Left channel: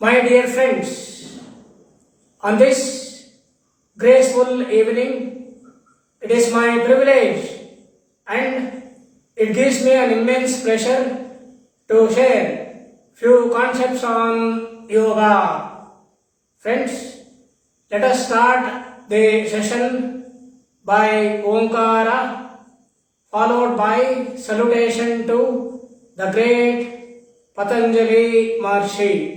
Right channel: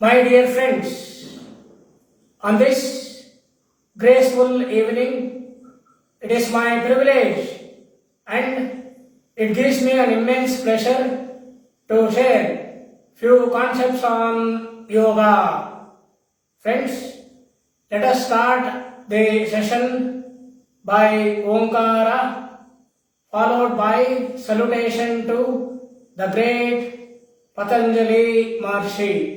My dear friends, on this graceful evening, it is my privilege and it gives me an immense pleasure to share few concepts on yoga. Friends, let us start the session by Omkara, followed by salutation to the great Patanjali Maharshi.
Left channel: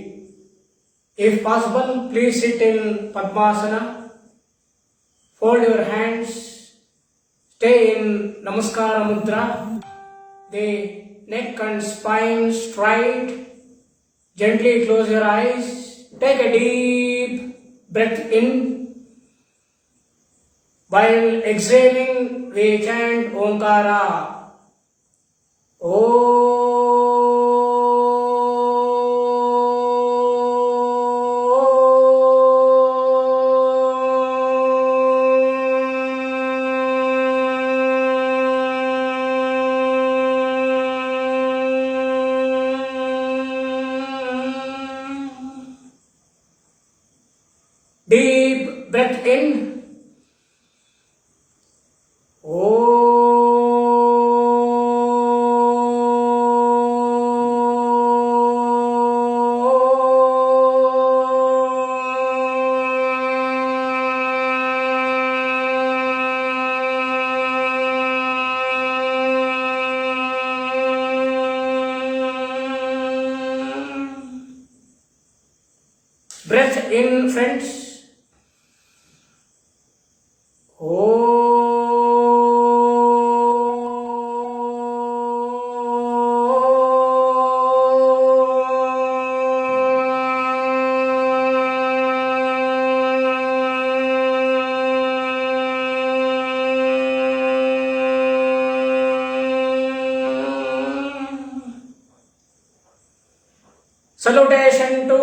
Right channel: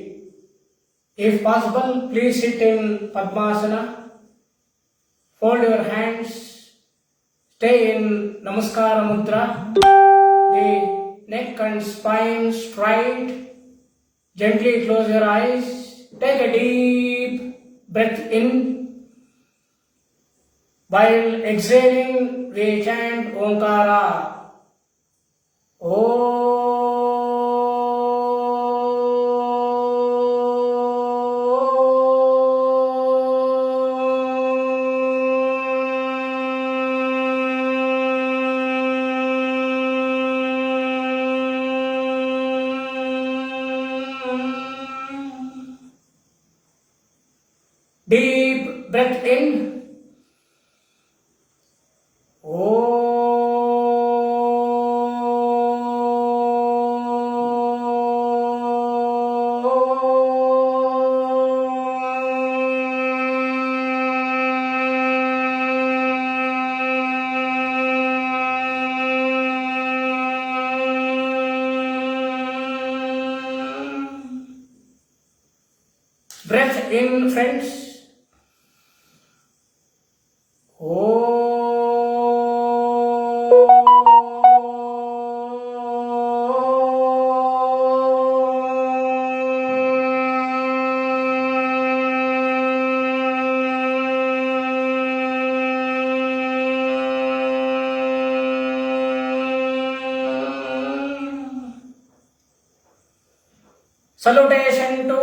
If possible, please sit in Padmasana, fold your hands, stay in Namaskara Mudra, the neck and spine straight, gently close your eyes, take a deep breath in. While exhaling, we chant Omkara. Om. Deep breath in. Breath in, friends. Salutation to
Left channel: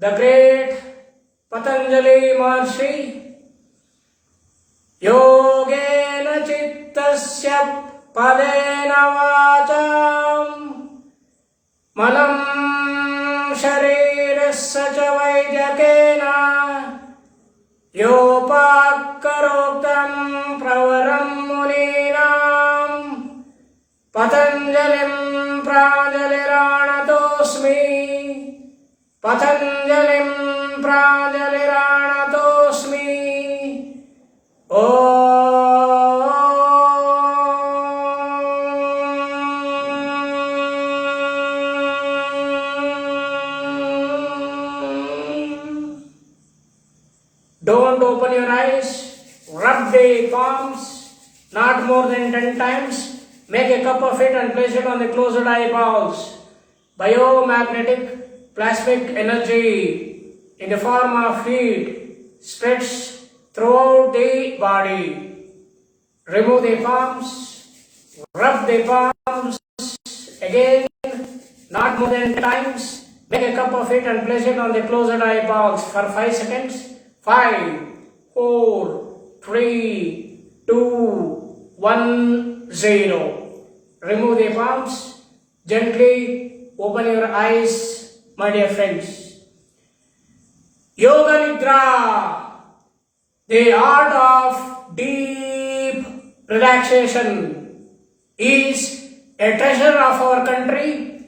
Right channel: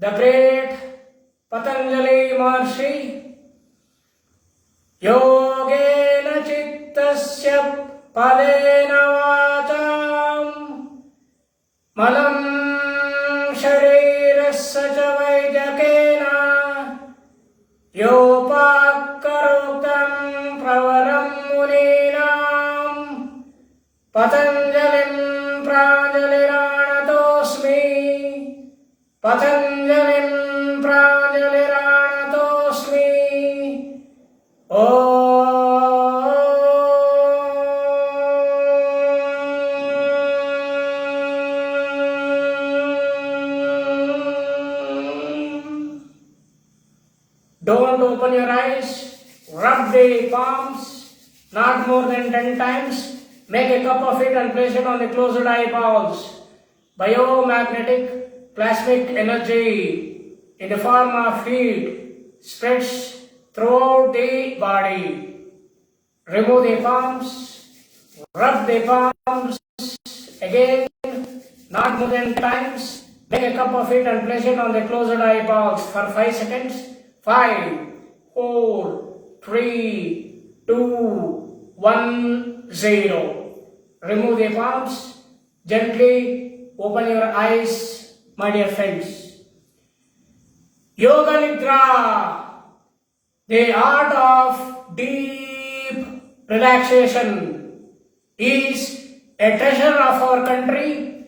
the great Patanjali Maharshi. Yogena chittasya padena vacham malam sharirasya cha vaidhyakena yopakarotam pravaram muninam Patanjalim pranjaliranatosmi Patanjalim pranjaliranatosmi Don't open your eyes, rub the palms, not more than 10 times. Make a cup of it and place it on the closed eyeballs. Biomagnetic plasmic energy in the form of heat spreads throughout the body. Remove the palms, rub the palms again, not more than 10 times. Make a cup of it and place it on the closed eyeballs for 5 seconds. 5, 4, 3, 2, 1, 0. Remove the palms. Gently open your eyes, my dear friends. Yoga Nidra, the art of deep relaxation, is a treasure of our country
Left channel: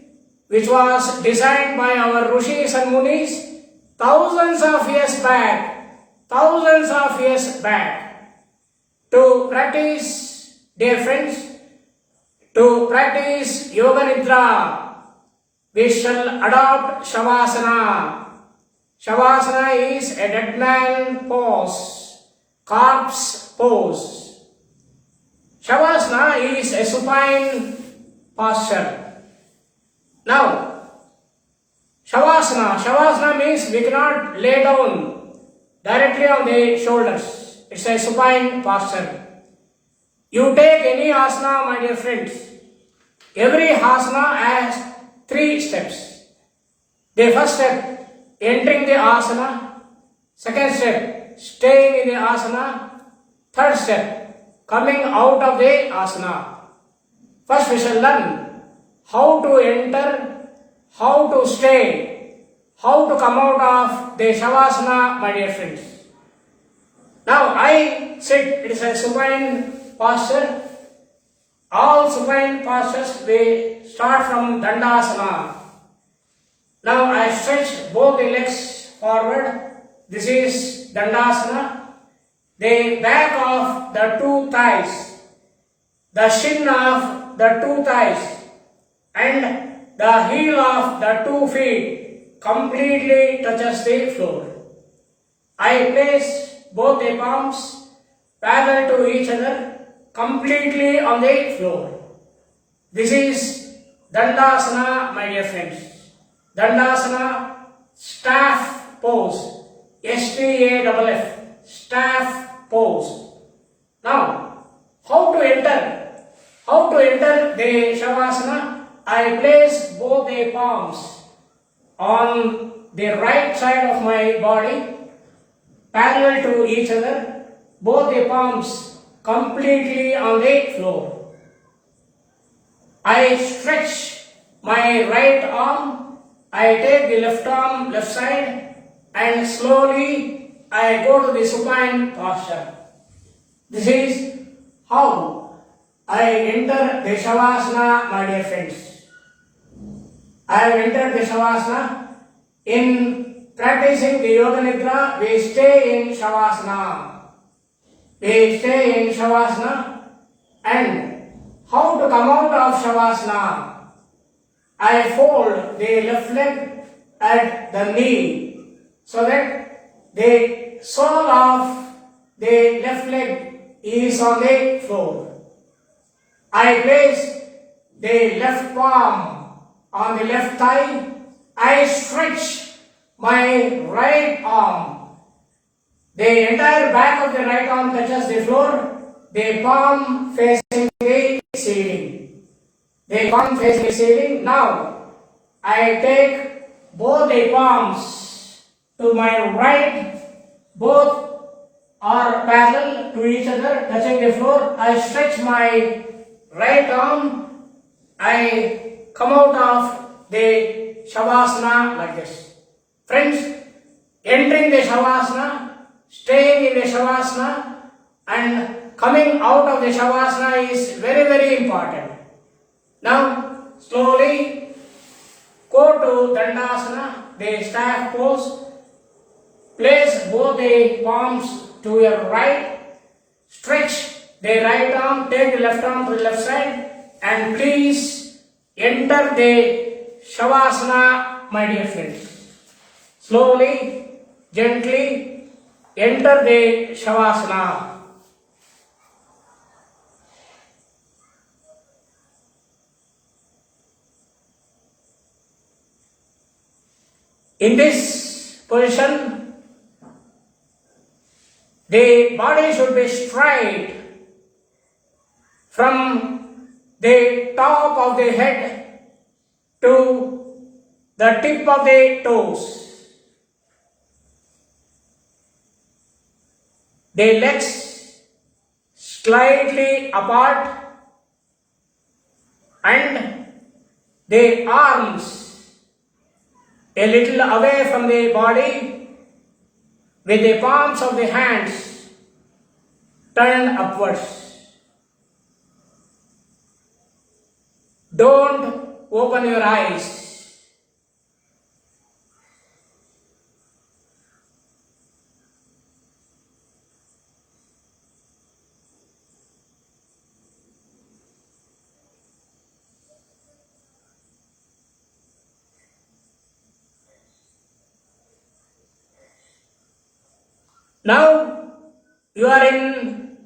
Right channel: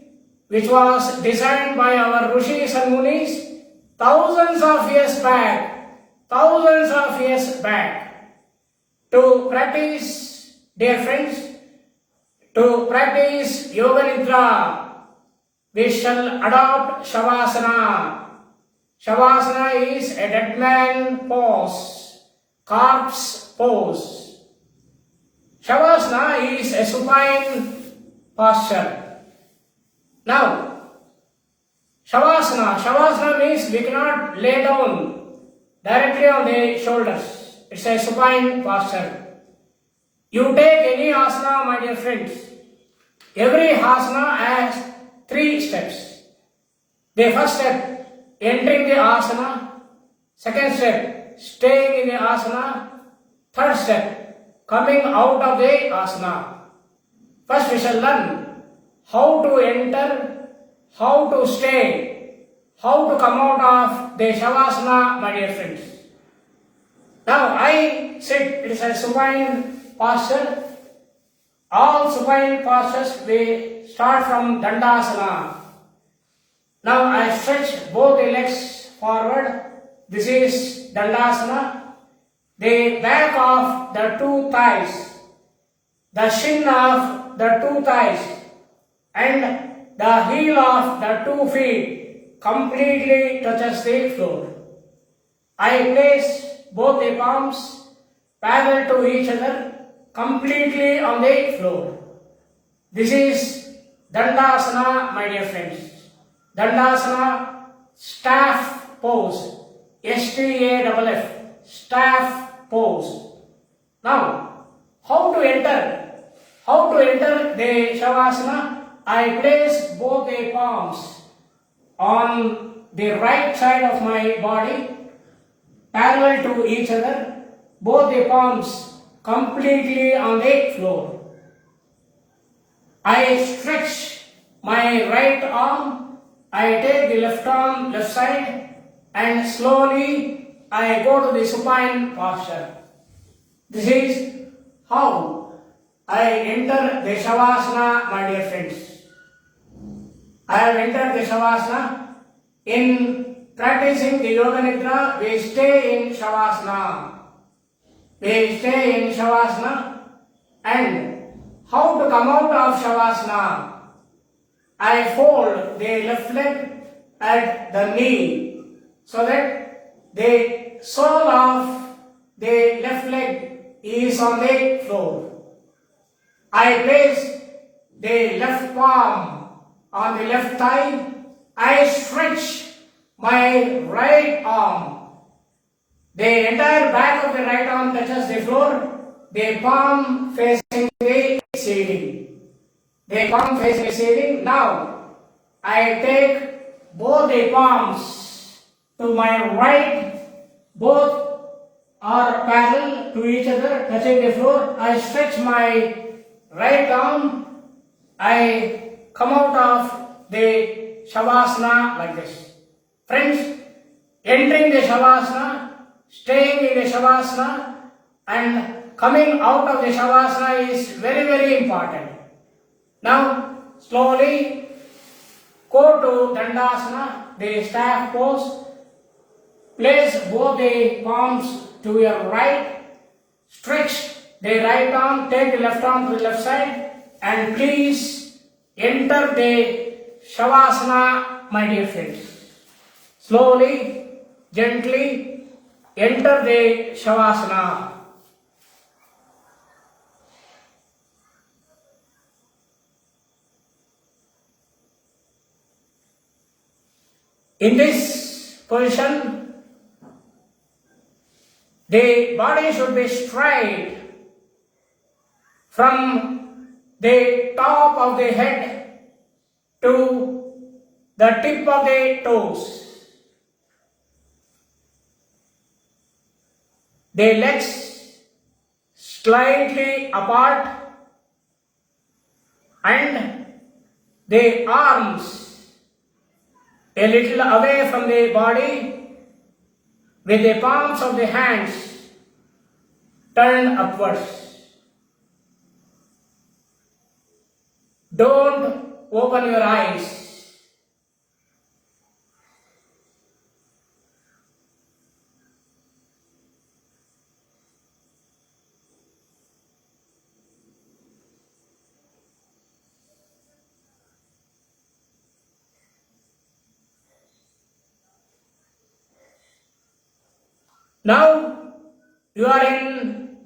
which was designed by our Rishis and Munis thousands of years back. To practice, dear friends, to practice Yoga Nidra, we shall adopt Shavasana. Shavasana is a dead man pose, corpse pose. Shavasana is a supine posture. Now, Shavasana means we cannot lay down directly on the shoulders. It's a supine posture. You take any asana, my dear friends. Every asana has 3 steps. The first step, entering the asana. Second step, staying in the asana. Third step, coming out of the asana. First we shall learn how to enter, how to stay, how to come out of the Shavasana, my dear friends. Now I sit, it is a supine posture. All supine postures we start from Dandasana. Now I stretch both the legs forward. This is Dandasana. The back of the two thighs, the shin of the two thighs, and the heel of the two feet completely touches the floor. I place both the palms parallel to each other completely on the floor. This is Dandasana, my dear friends. Dandasana, staff pose, STAFF, staff pose. Now, how to enter? How to enter the Shavasana? I place both the palms on the right side of my body, parallel to each other, both the palms completely on the floor. I stretch my right arm, I take the left arm left side, and slowly I go to the supine posture. This is how I enter the Shavasana, my dear friends. I have entered the Shavasana. In practicing the Yoga Nidra, we stay in Shavasana. We stay in Shavasana. And how to come out of Shavasana? I fold the left leg at the knee so that the sole of the left leg is on the floor. I place the left palm on the left thigh. I stretch my right arm. The entire back of the right arm touches the floor. The palm facing the ceiling. The palm facing the ceiling. Now, I take both the palms to my right. Both are parallel to each other, touching the floor. I stretch my right arm. I come out of the Shavasana like this. Friends, entering the Shavasana, staying in the Shavasana, and coming out of the Shavasana is very, very important. Now, slowly go to Dandasana, the staff pose. Place both the palms to your right. Stretch the right arm, take the left arm to the left side, and please enter the Shavasana, my dear friends. Slowly, gently enter the Shavasana. In this position, the body should be straight from the top of the head to the tip of the toes. The legs slightly apart and the arms a little away from the body with the palms of the hands turned upwards. Don't open your eyes. Now you are in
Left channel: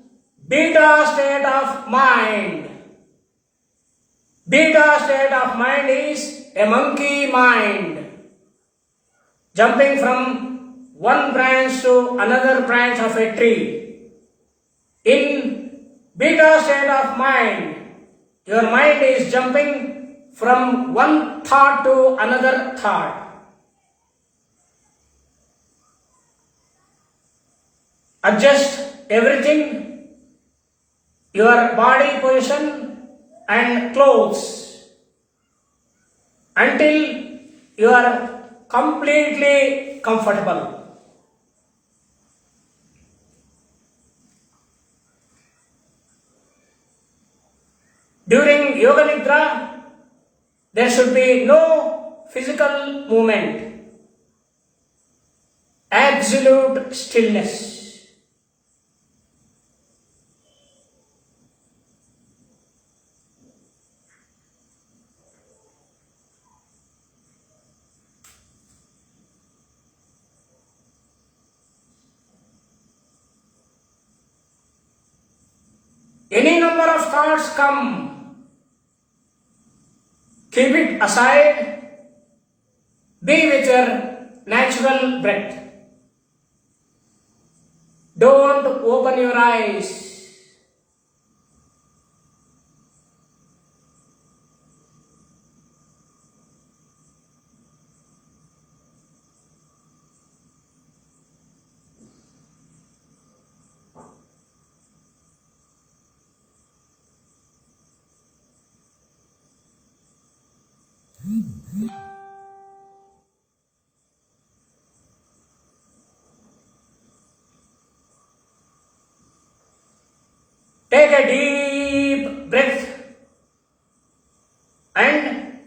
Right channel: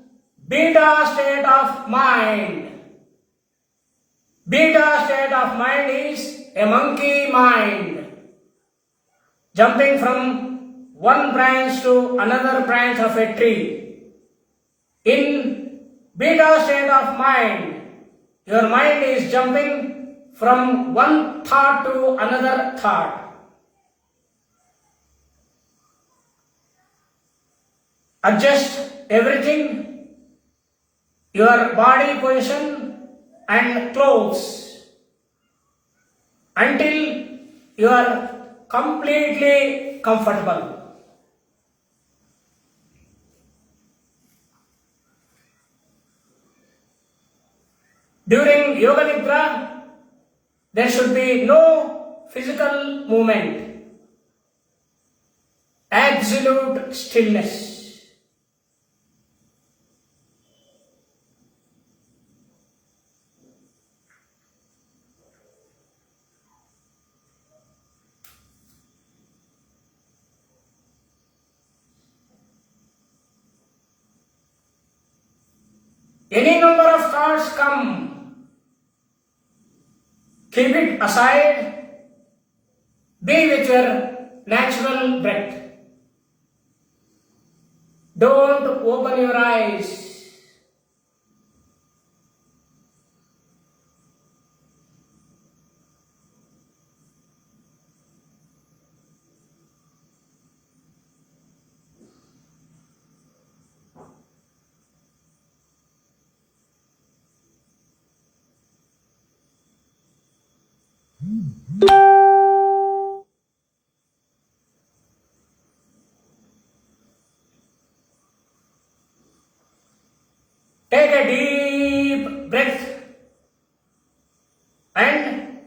beta state of mind. Beta state of mind is a monkey mind, jumping from one branch to another branch of a tree. In beta state of mind, your mind is jumping from one thought to another thought. Adjust everything, your body position and clothes, until your completely comfortable. During Yoga Nidra, there should be no physical movement, absolute stillness. Any number of thoughts come, keep it aside, be with your natural breath. Don't open your eyes. Take a deep breath, and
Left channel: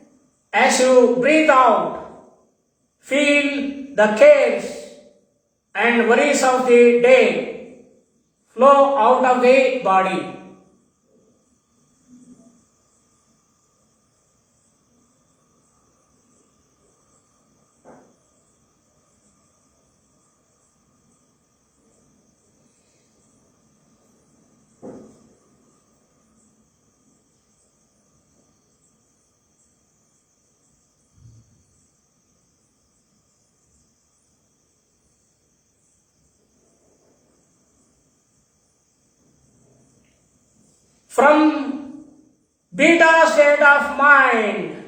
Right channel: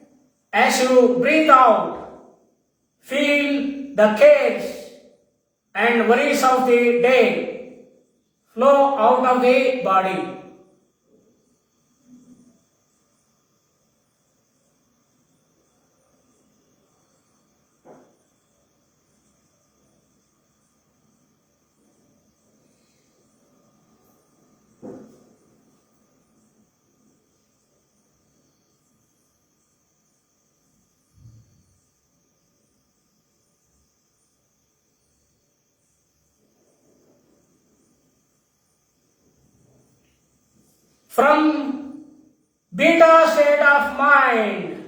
as you breathe out, feel the cares and worries of the day flow out of the body. From beta state of mind,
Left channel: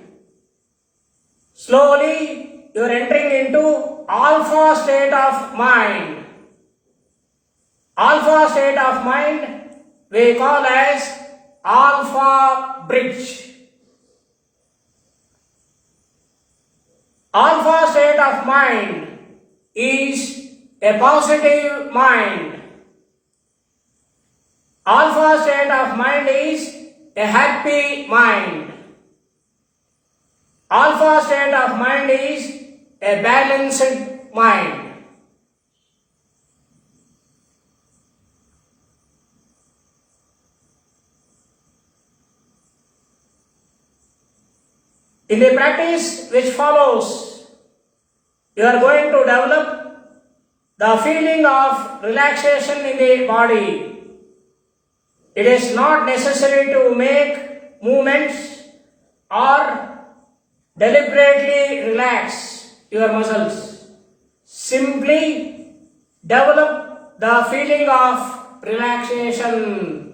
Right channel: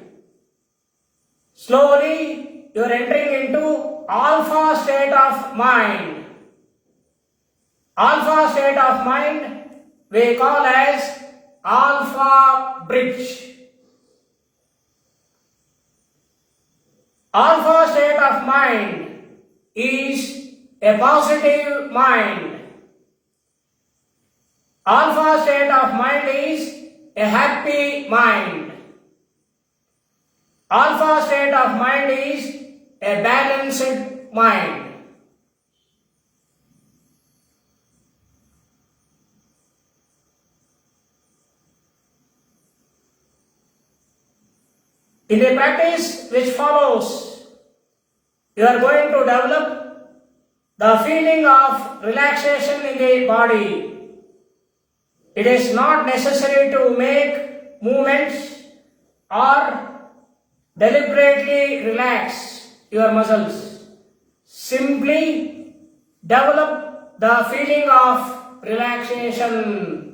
slowly you are entering into alpha state of mind. Alpha state of mind we call as alpha bridge. Alpha state of mind is a positive mind. Alpha state of mind is a happy mind. Alpha state of mind is a balanced mind. In the practice which follows, you are going to develop the feeling of relaxation in the body. It is not necessary to make movements or deliberately relax your muscles. Simply develop the feeling of relaxation.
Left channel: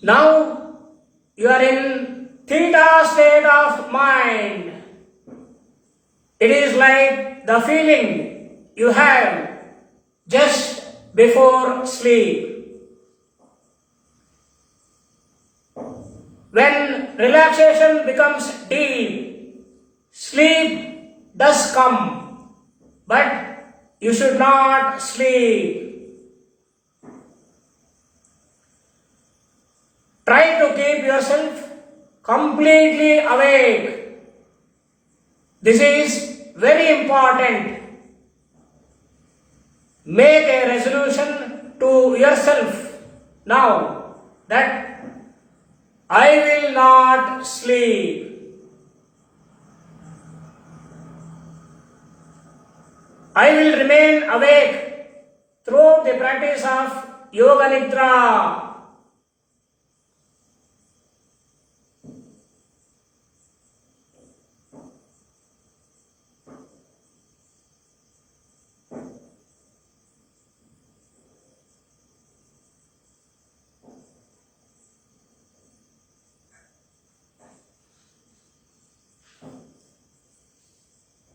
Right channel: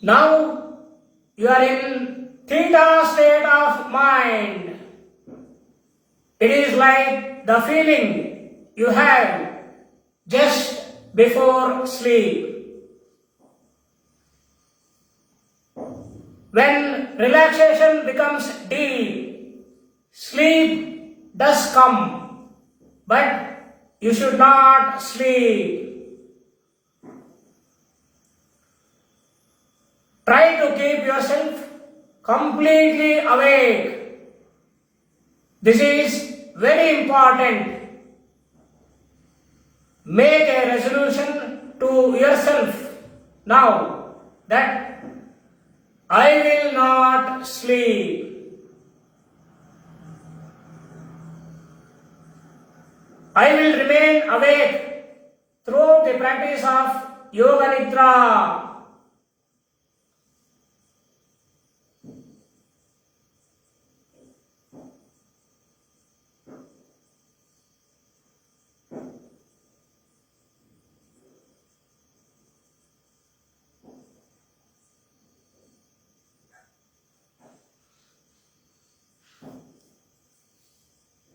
Now you are in theta state of mind. It is like the feeling you have just before sleep. When relaxation becomes deep, sleep does come, but you should not sleep. Try to keep yourself completely awake. This is very important. Make a resolution to yourself now that I will not sleep. I will remain awake throughout the practice of Yoga Nidra.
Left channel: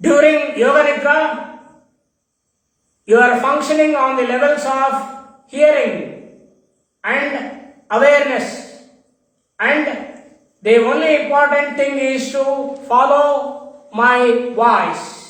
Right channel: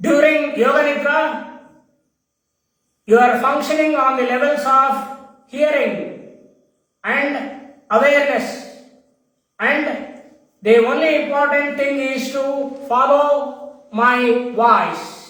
During Yoga Nidra, you are functioning on the levels of hearing and awareness, and the only important thing is to follow my voice.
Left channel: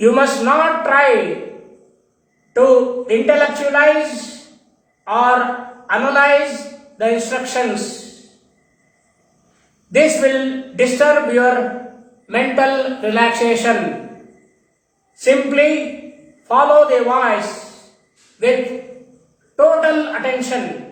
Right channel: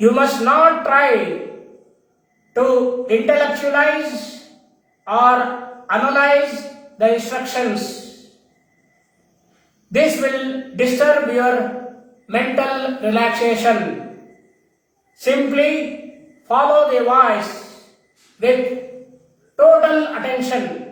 You must not try to intellectualize or analyze the instructions. This will disturb your mental relaxation. Simply follow the voice with total attention.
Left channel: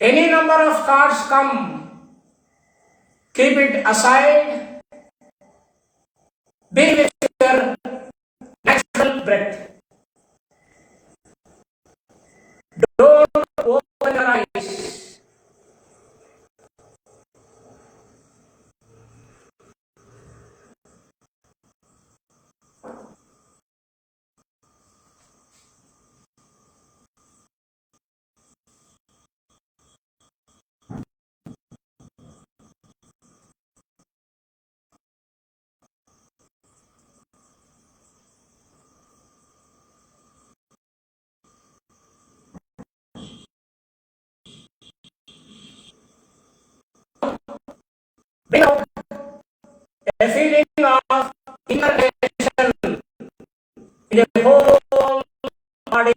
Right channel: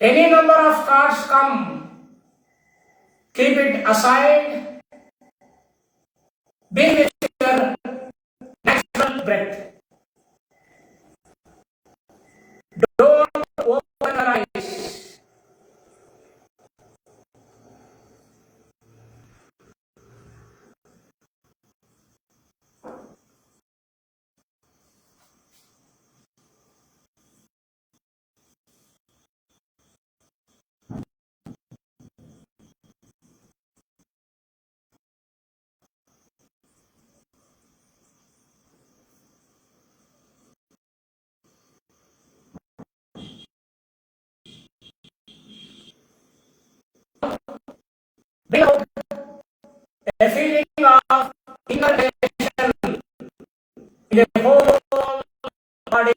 Any number of thoughts come, keep it aside, be with your natural breath. Don't open your eyes. Bring out a feeling of inner tension in the whole body.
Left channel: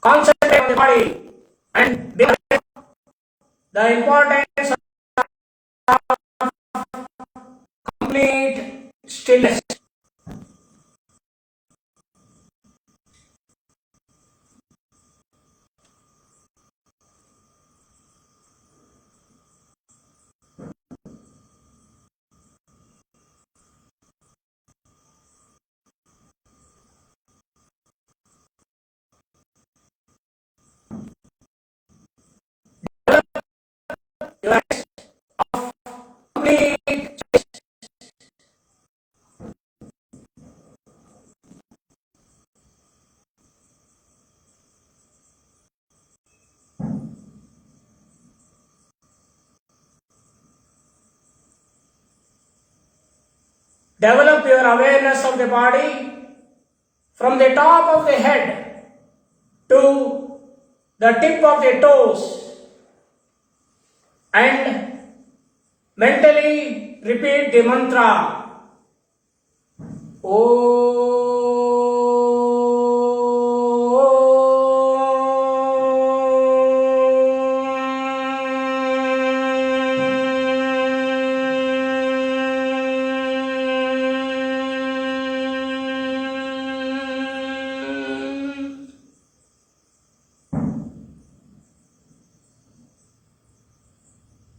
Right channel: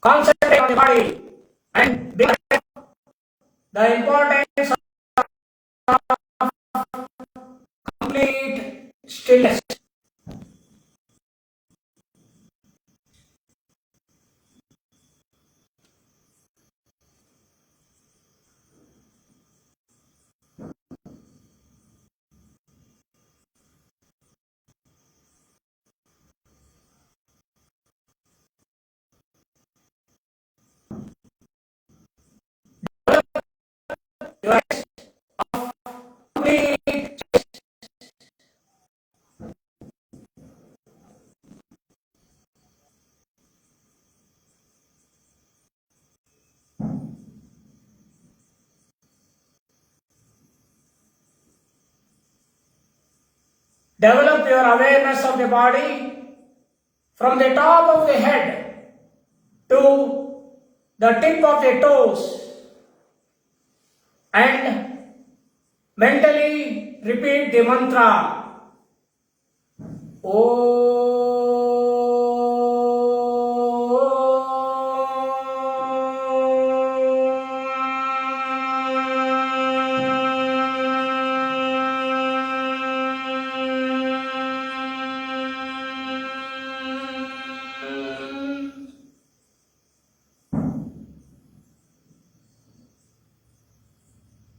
Concentrate on the body and bring out the importance of complete stillness. Your complete. Develop your awareness of the body from the top of the head to the tip of the toes, and mentally repeat the mantra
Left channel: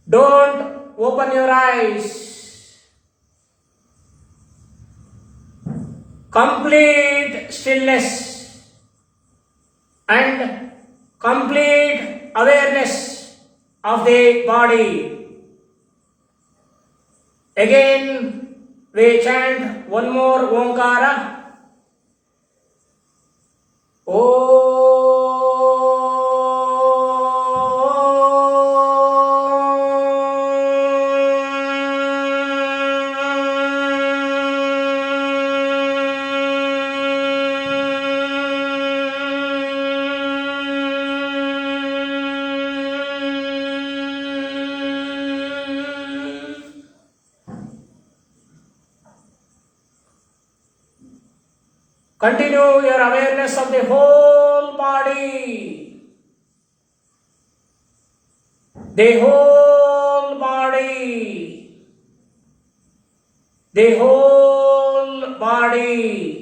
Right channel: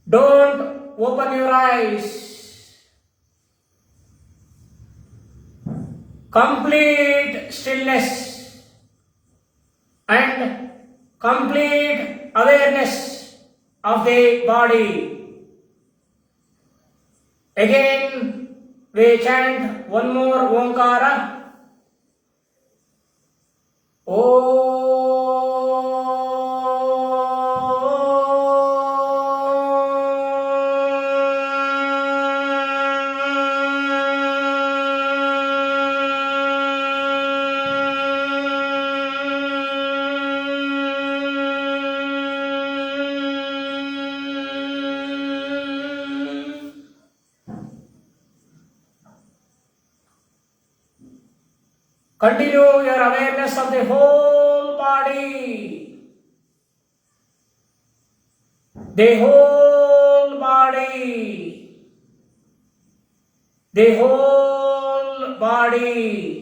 Don't open your eyes. Complete stillness and complete awareness of the body. Again, we chant one more Omkara. Continue your awareness of the whole body. The whole body. The whole body.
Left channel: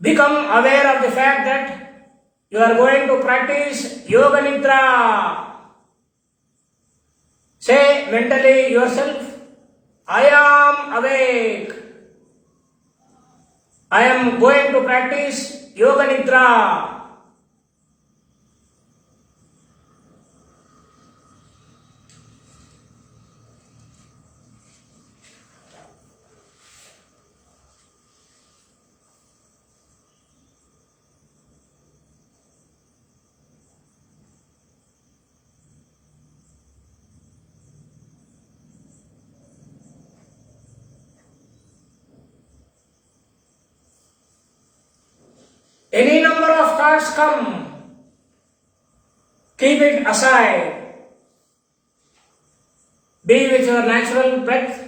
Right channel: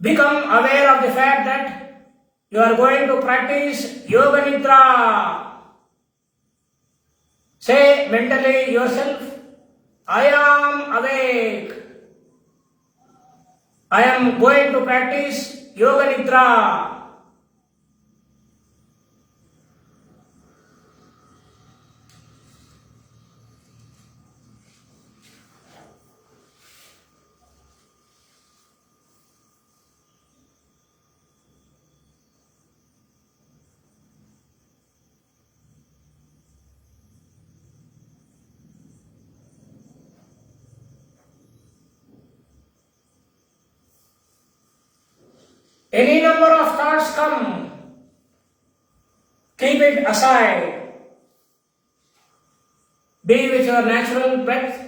Become aware of the fact that you are going to practice Yoga Nidra. Say mentally yourself, I am awake. I am going to practice Yoga Nidra. Any number of thoughts come, keep it aside. Be with your natural breath.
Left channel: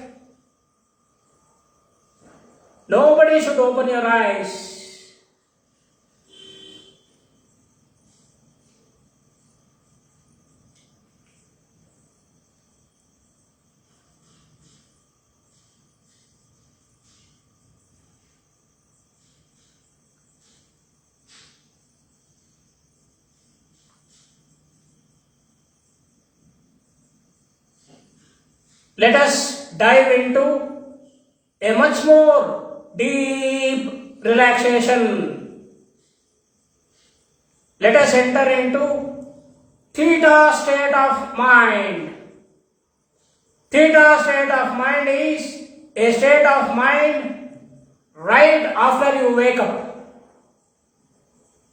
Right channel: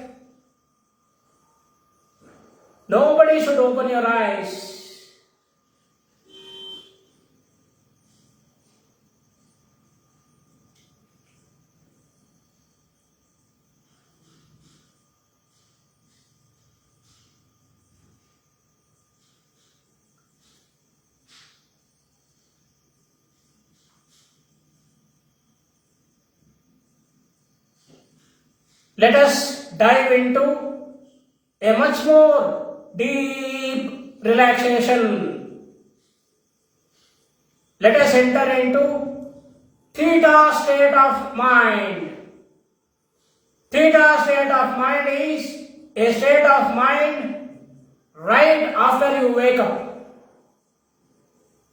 Nobody should open your eyes. Let us dive into a much more deep relaxation. Let us enter into Theta state of mind. Theta state of mind is a state of mind right after you wake up.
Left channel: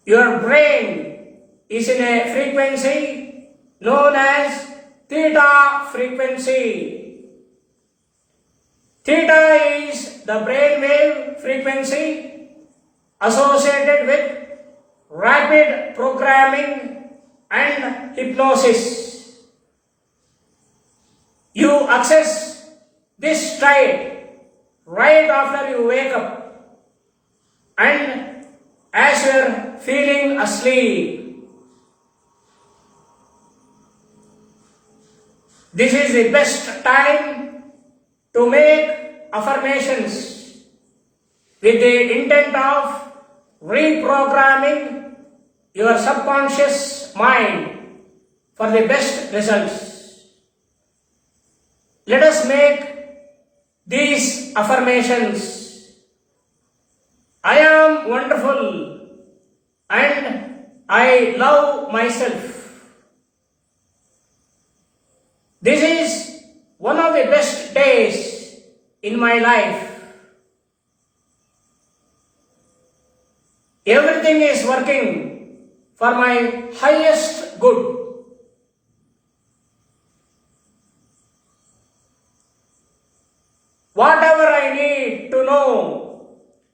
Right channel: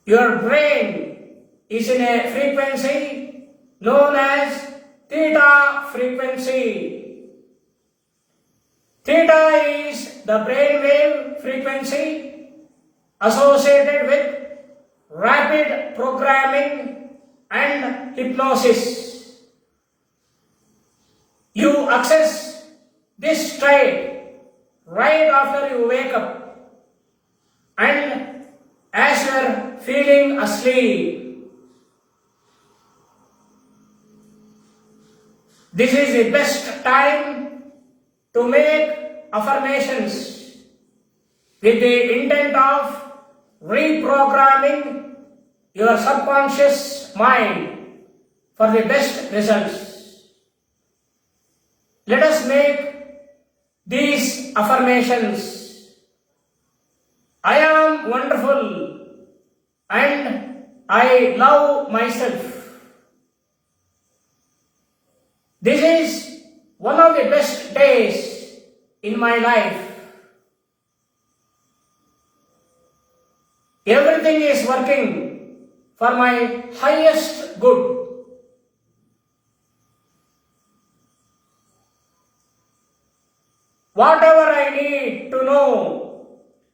Your brain is in a frequency known as theta frequency. Theta is the brainwave frequency associated with rapid programming and hypnosis. You access this state right after you wake up and as you are feeling asleep. This is the best time to make affirmations with the intent of reprogramming your subconscious mind for the best results. Let us make these affirmations. I am wonderful and I love myself. This is one of the best days in my life. Everything is working for my highest good. Whatever I need to know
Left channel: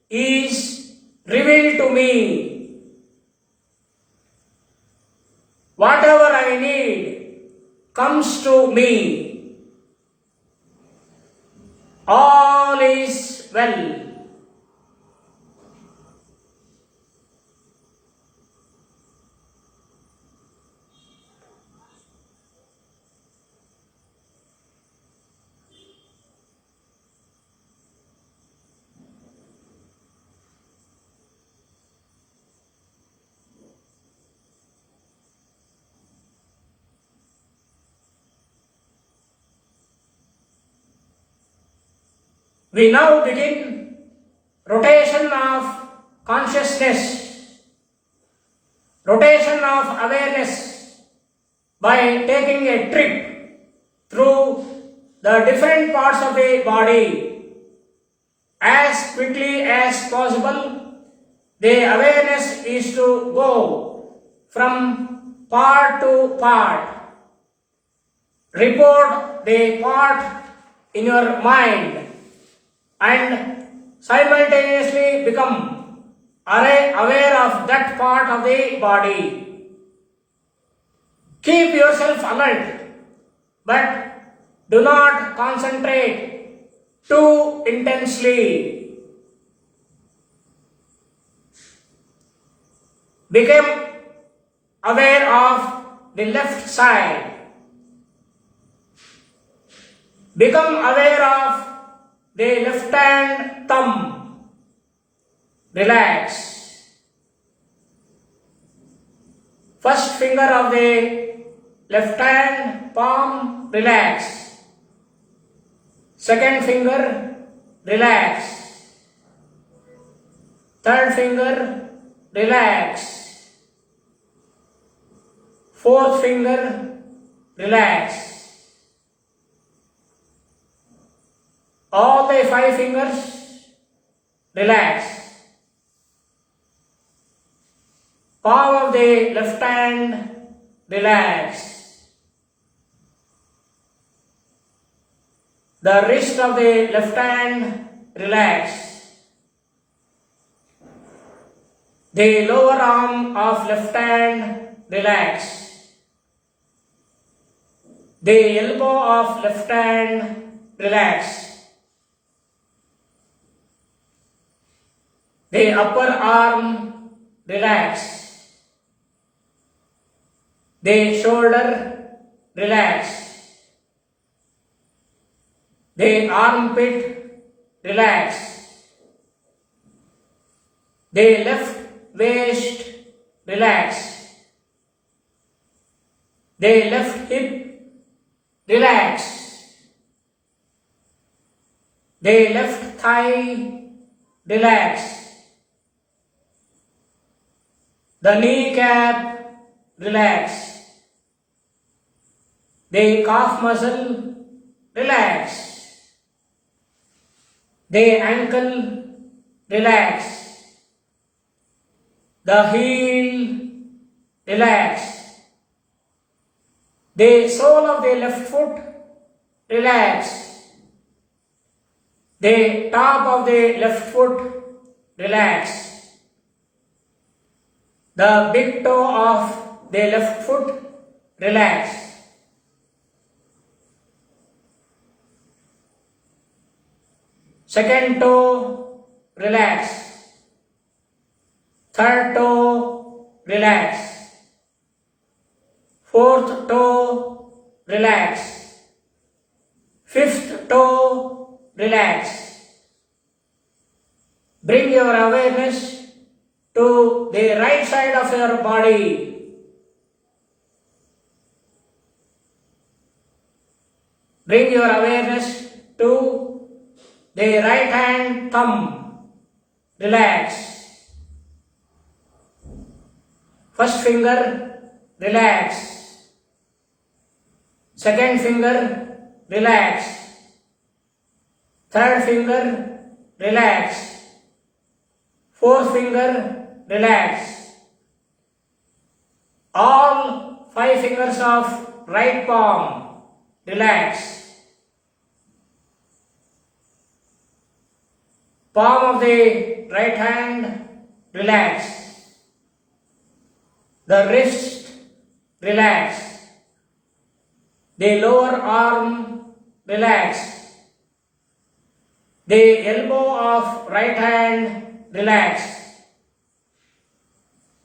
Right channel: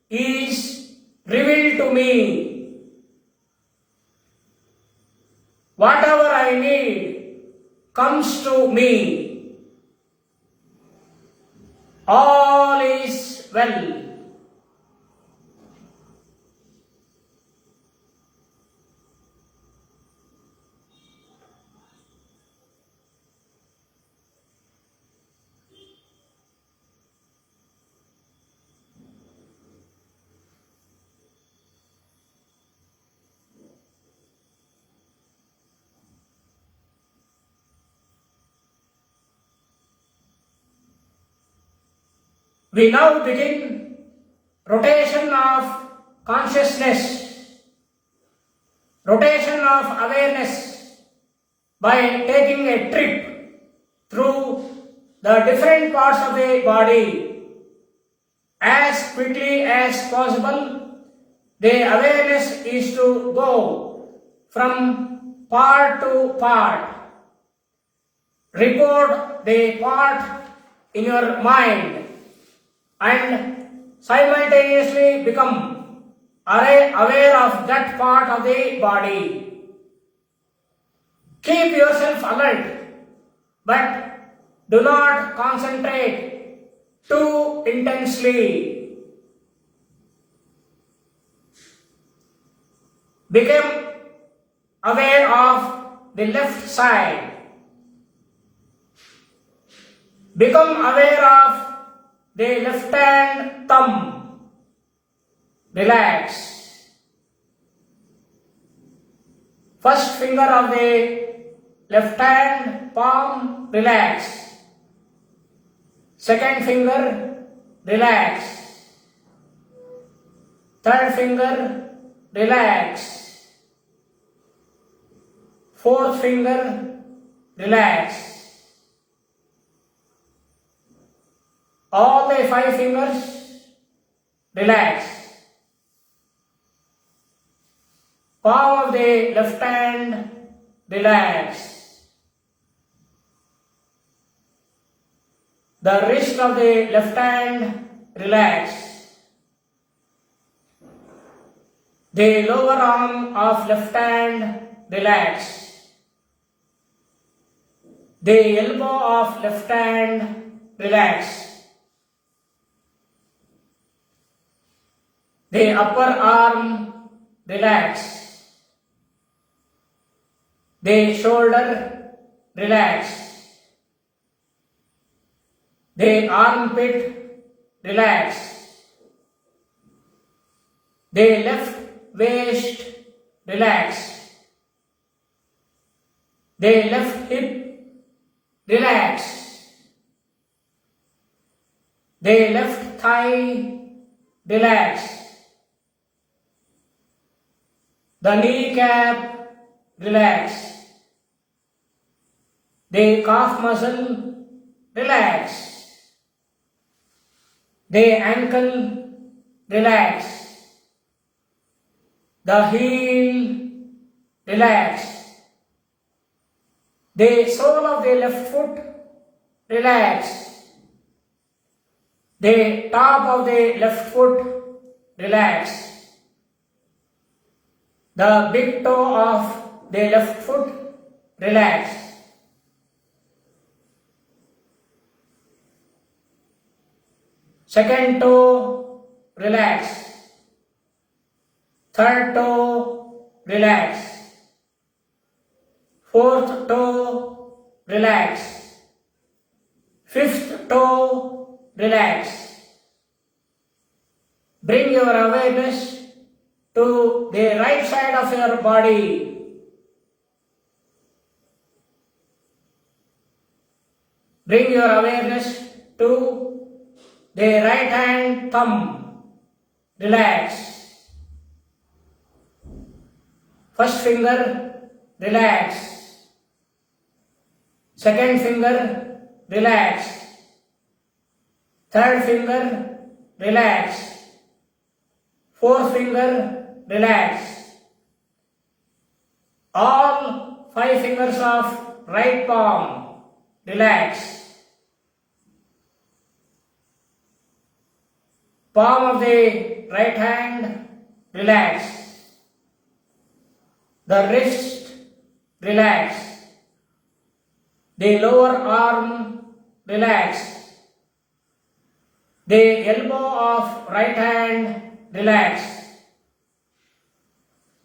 is revealed to me. Whatever I need comes to me. All is well. We now begin rotation of consciousness, rotation of awareness by taking a trip through the different parts of the body. As quickly as possible, the awareness is to go from part to part. Report the part in your mind and simultaneously become aware of that part of the body. Keep yourself alert, but do not concentrate too intensely. Become aware of the left side. Become aware of the left hand thumb. Relax. First finger of the left hand palm, relax. Second finger, relax. Third finger, relax. Fourth finger, relax. All the 5 fingers, relax. Palm of the left hand, relax. The wrist of the left hand, relax. The lower arm of left hand, relax. The elbow of left hand, relax. The upper arm, relax. The shoulder, relax. The armpit, relax. The left waist, relax. The left hip, relax. The left thigh, relax. The kneecap, relax. The calf muscle, relax. The ankle, relax. The heel, relax. The sole of the left foot, relax. The top of the left foot, relax. The big toe of the left foot, relax. Second toe, relax. Third toe, relax. Fourth toe, relax. Fifth toe, relax. Bring your awareness to the right side of your body. Bring your awareness to the right hand thumb. Relax. First finger, relax. Second finger, relax. Third finger, relax. Fourth finger, relax. All 5 fingers of right palm, relax. Palm of the right hand, relax. The wrist, relax. The lower arm, relax. The elbow of right hand, relax.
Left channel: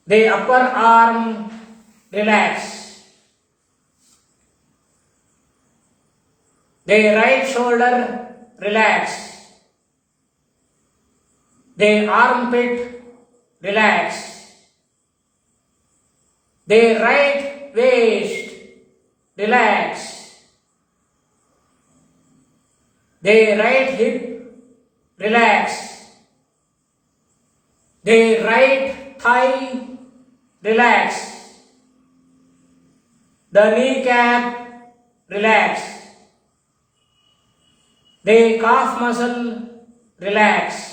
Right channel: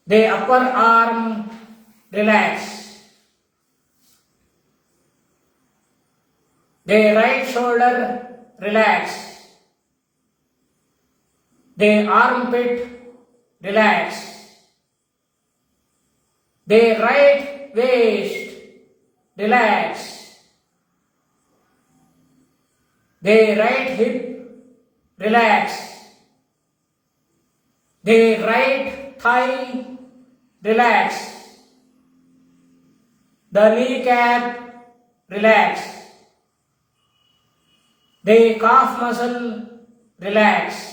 The upper arm, relax. The right shoulder, relax. The armpit, relax. The right waist, relax. The right hip, relax. The right thigh, relax. The kneecap, relax. The calf muscle, relax.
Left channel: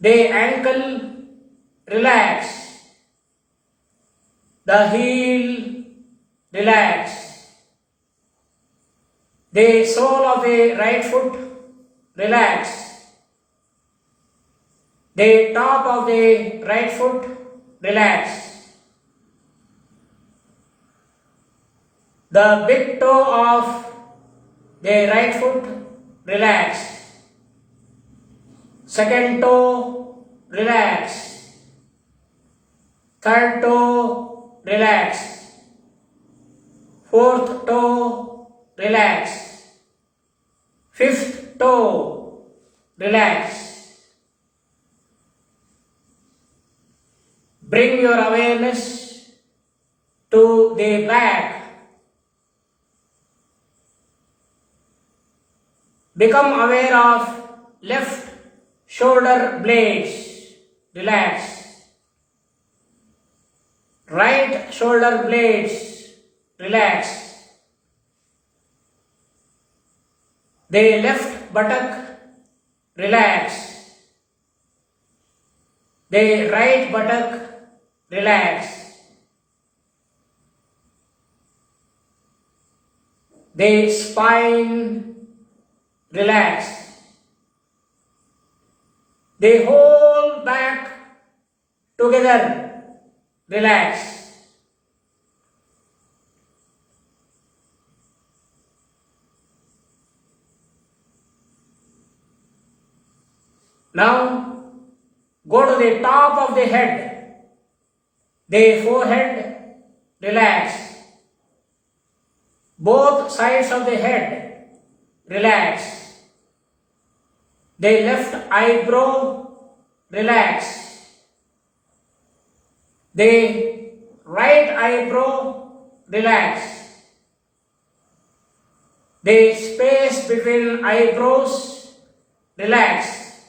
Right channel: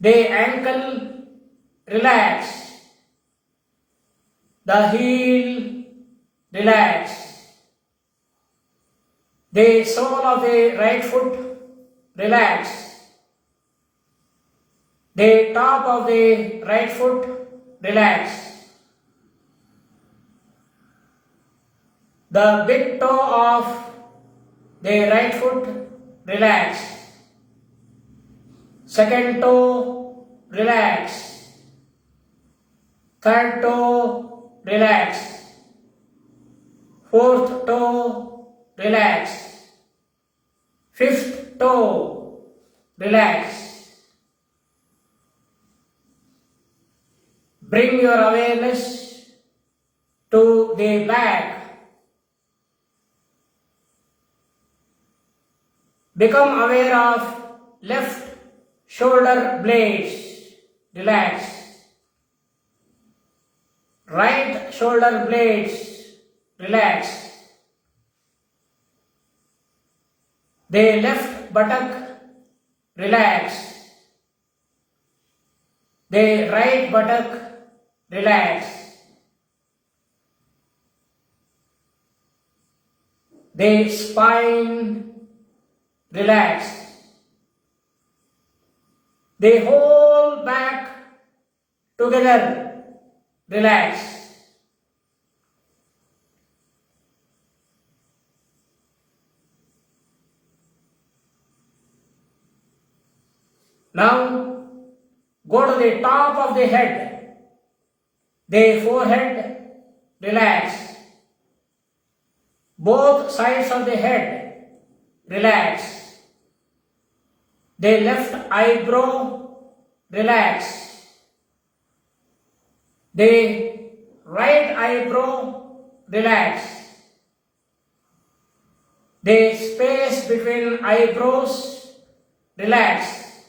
The ankle, relax. The heel, relax. The sole of the right foot, relax. The top of the right foot, relax. The big toe of the right foot, relax. Second toe, relax. Third toe, relax. Fourth toe, relax. Fifth toe, relax. Bring your awareness to the back. Become aware of left shoulder blades. Relax. Right shoulder blades. Relax. The left buttock. Relax. The right buttock. Relax. The spine. Relax. The whole back together. Relax. Now go to the top of the head. The forehead. Relax. Both sides of the head. Relax. The left eyebrow. Relax. The right eyebrow. Relax. The space between eyebrows. Relax.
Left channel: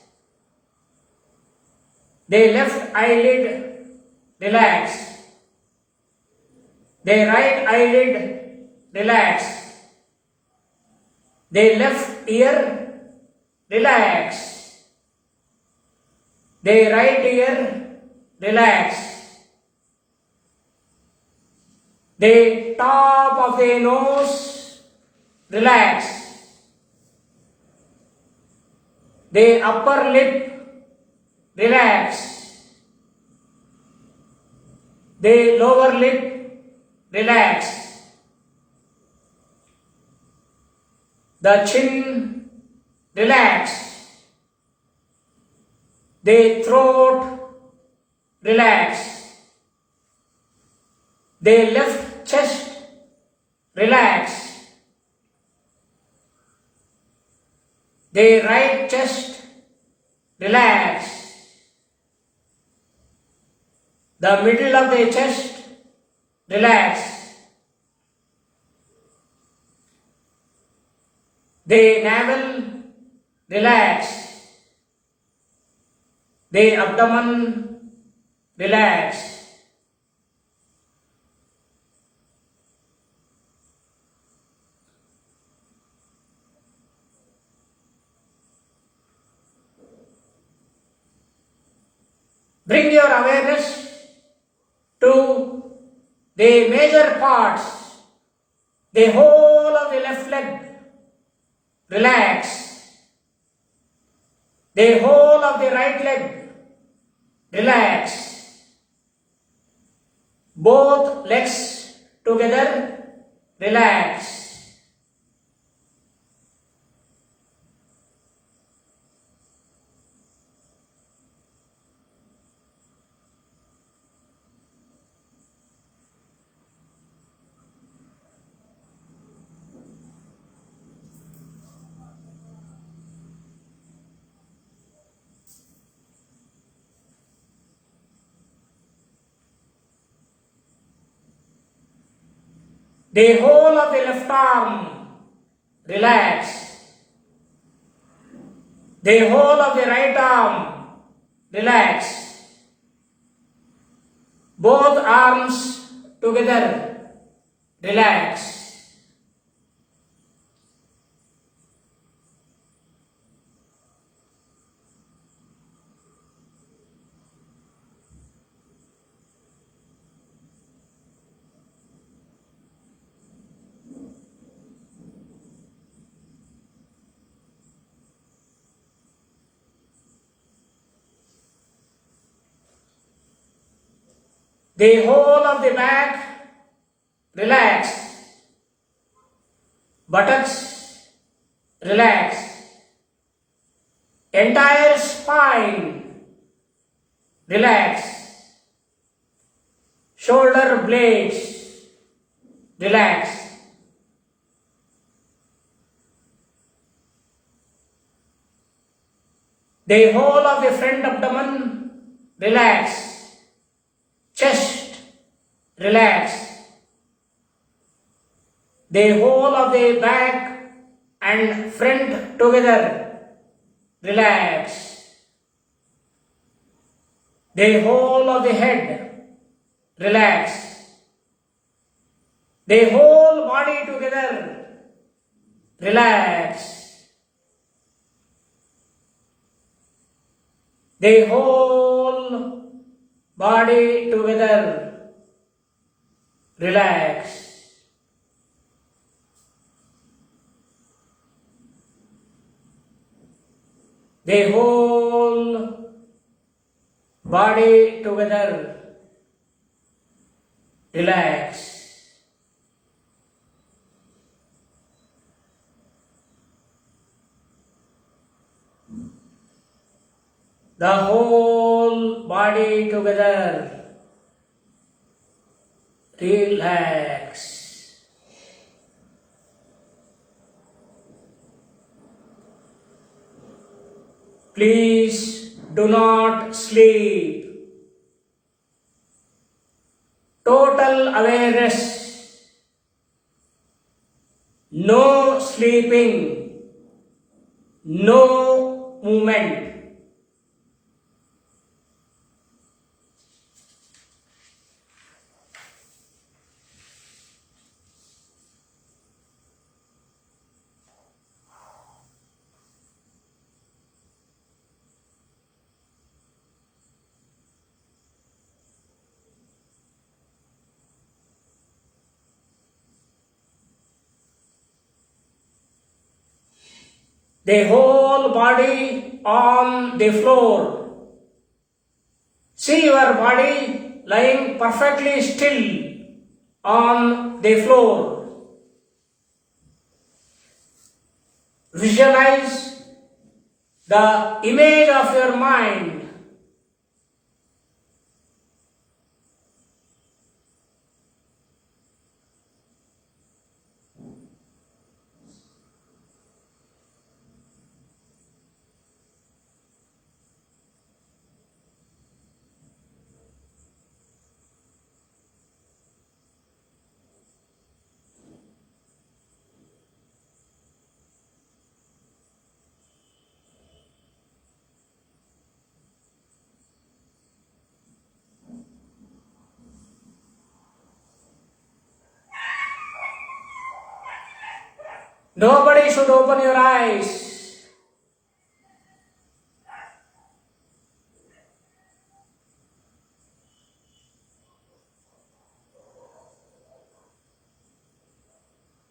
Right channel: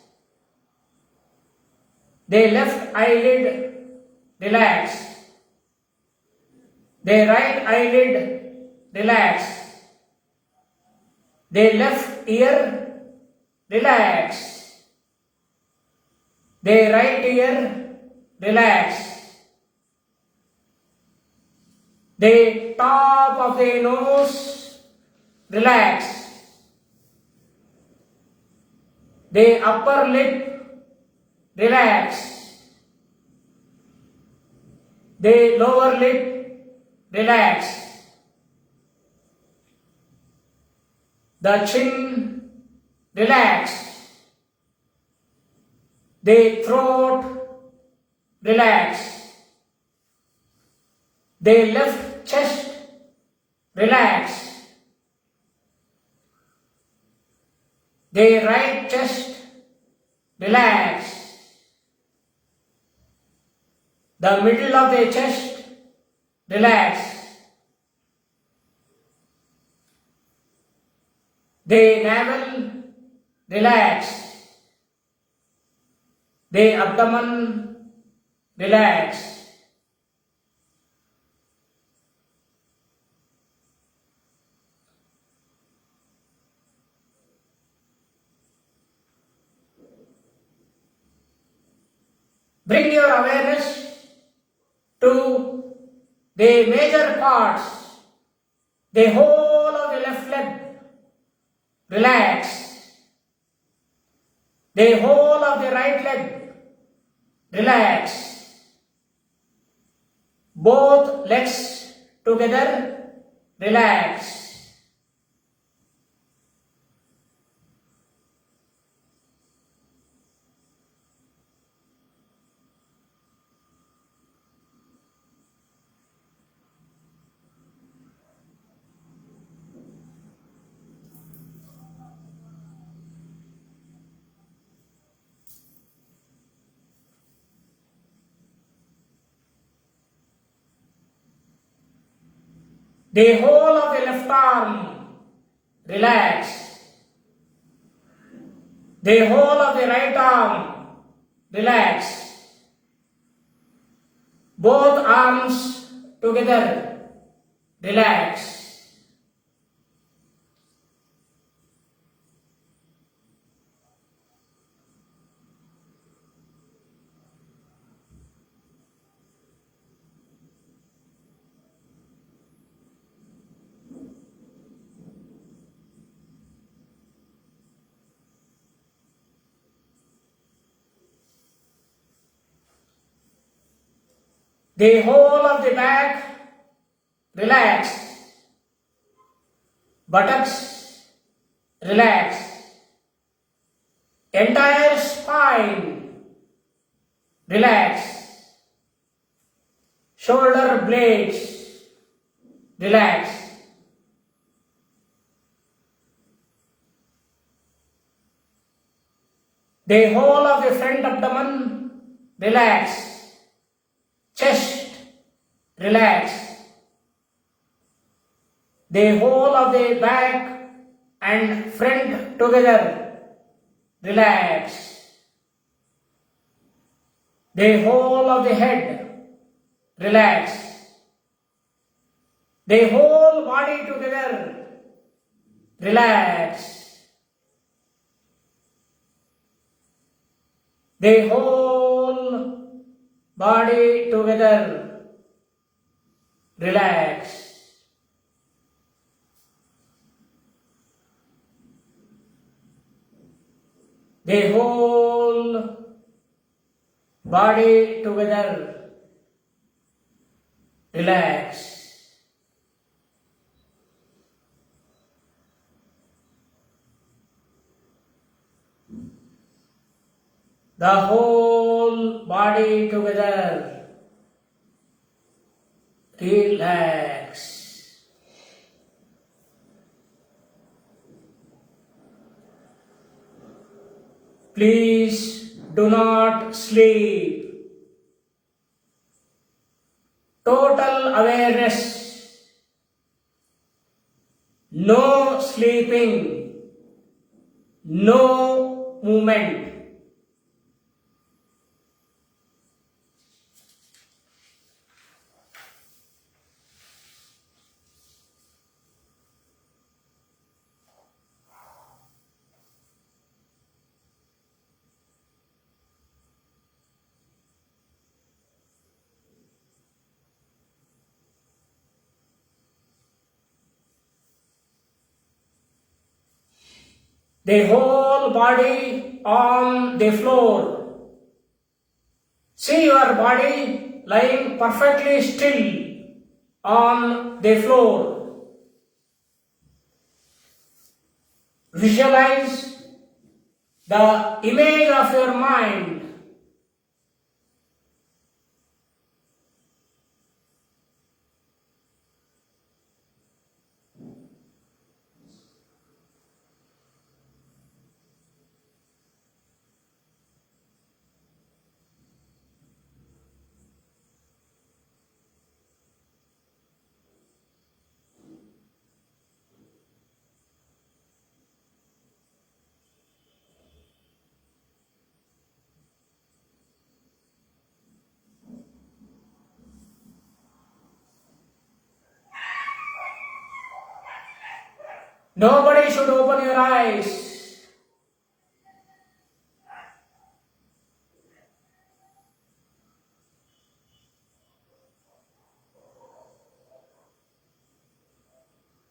The left eyelid. Relax. The right eyelid. Relax. The left ear. Relax. The right ear. Relax. The top of the nose. Relax. The upper lip. Relax. The lower lip. Relax. The chin. Relax. The throat. Relax. The left chest. Relax. The right chest. Relax. The middle of the chest. Relax. The navel. Relax. The abdomen. Relax. Bring your awareness to the major parts, the whole of the left leg. Relax. The whole of the right leg. Relax. Both legs together. Relax. The whole of the left arm. Relax. The whole of the right arm. Relax. Both arms together. Relax. The whole of the back. Relax. Buttocks. Relax. Entire spine. Relax. Shoulder blades. Relax. The whole of the front abdomen. Relax. chest, relax. The whole of the back and front together, relax. The whole of the head, relax. The whole body together, relax. The whole body together, relax. The whole body together, relax. The whole body together, relax. Please do not sleep. Total awareness. No sleeping. No movement. The whole body on the floor. See your body lying perfectly still on the floor. Visualize the image of your mind. Nobody should open your eyes.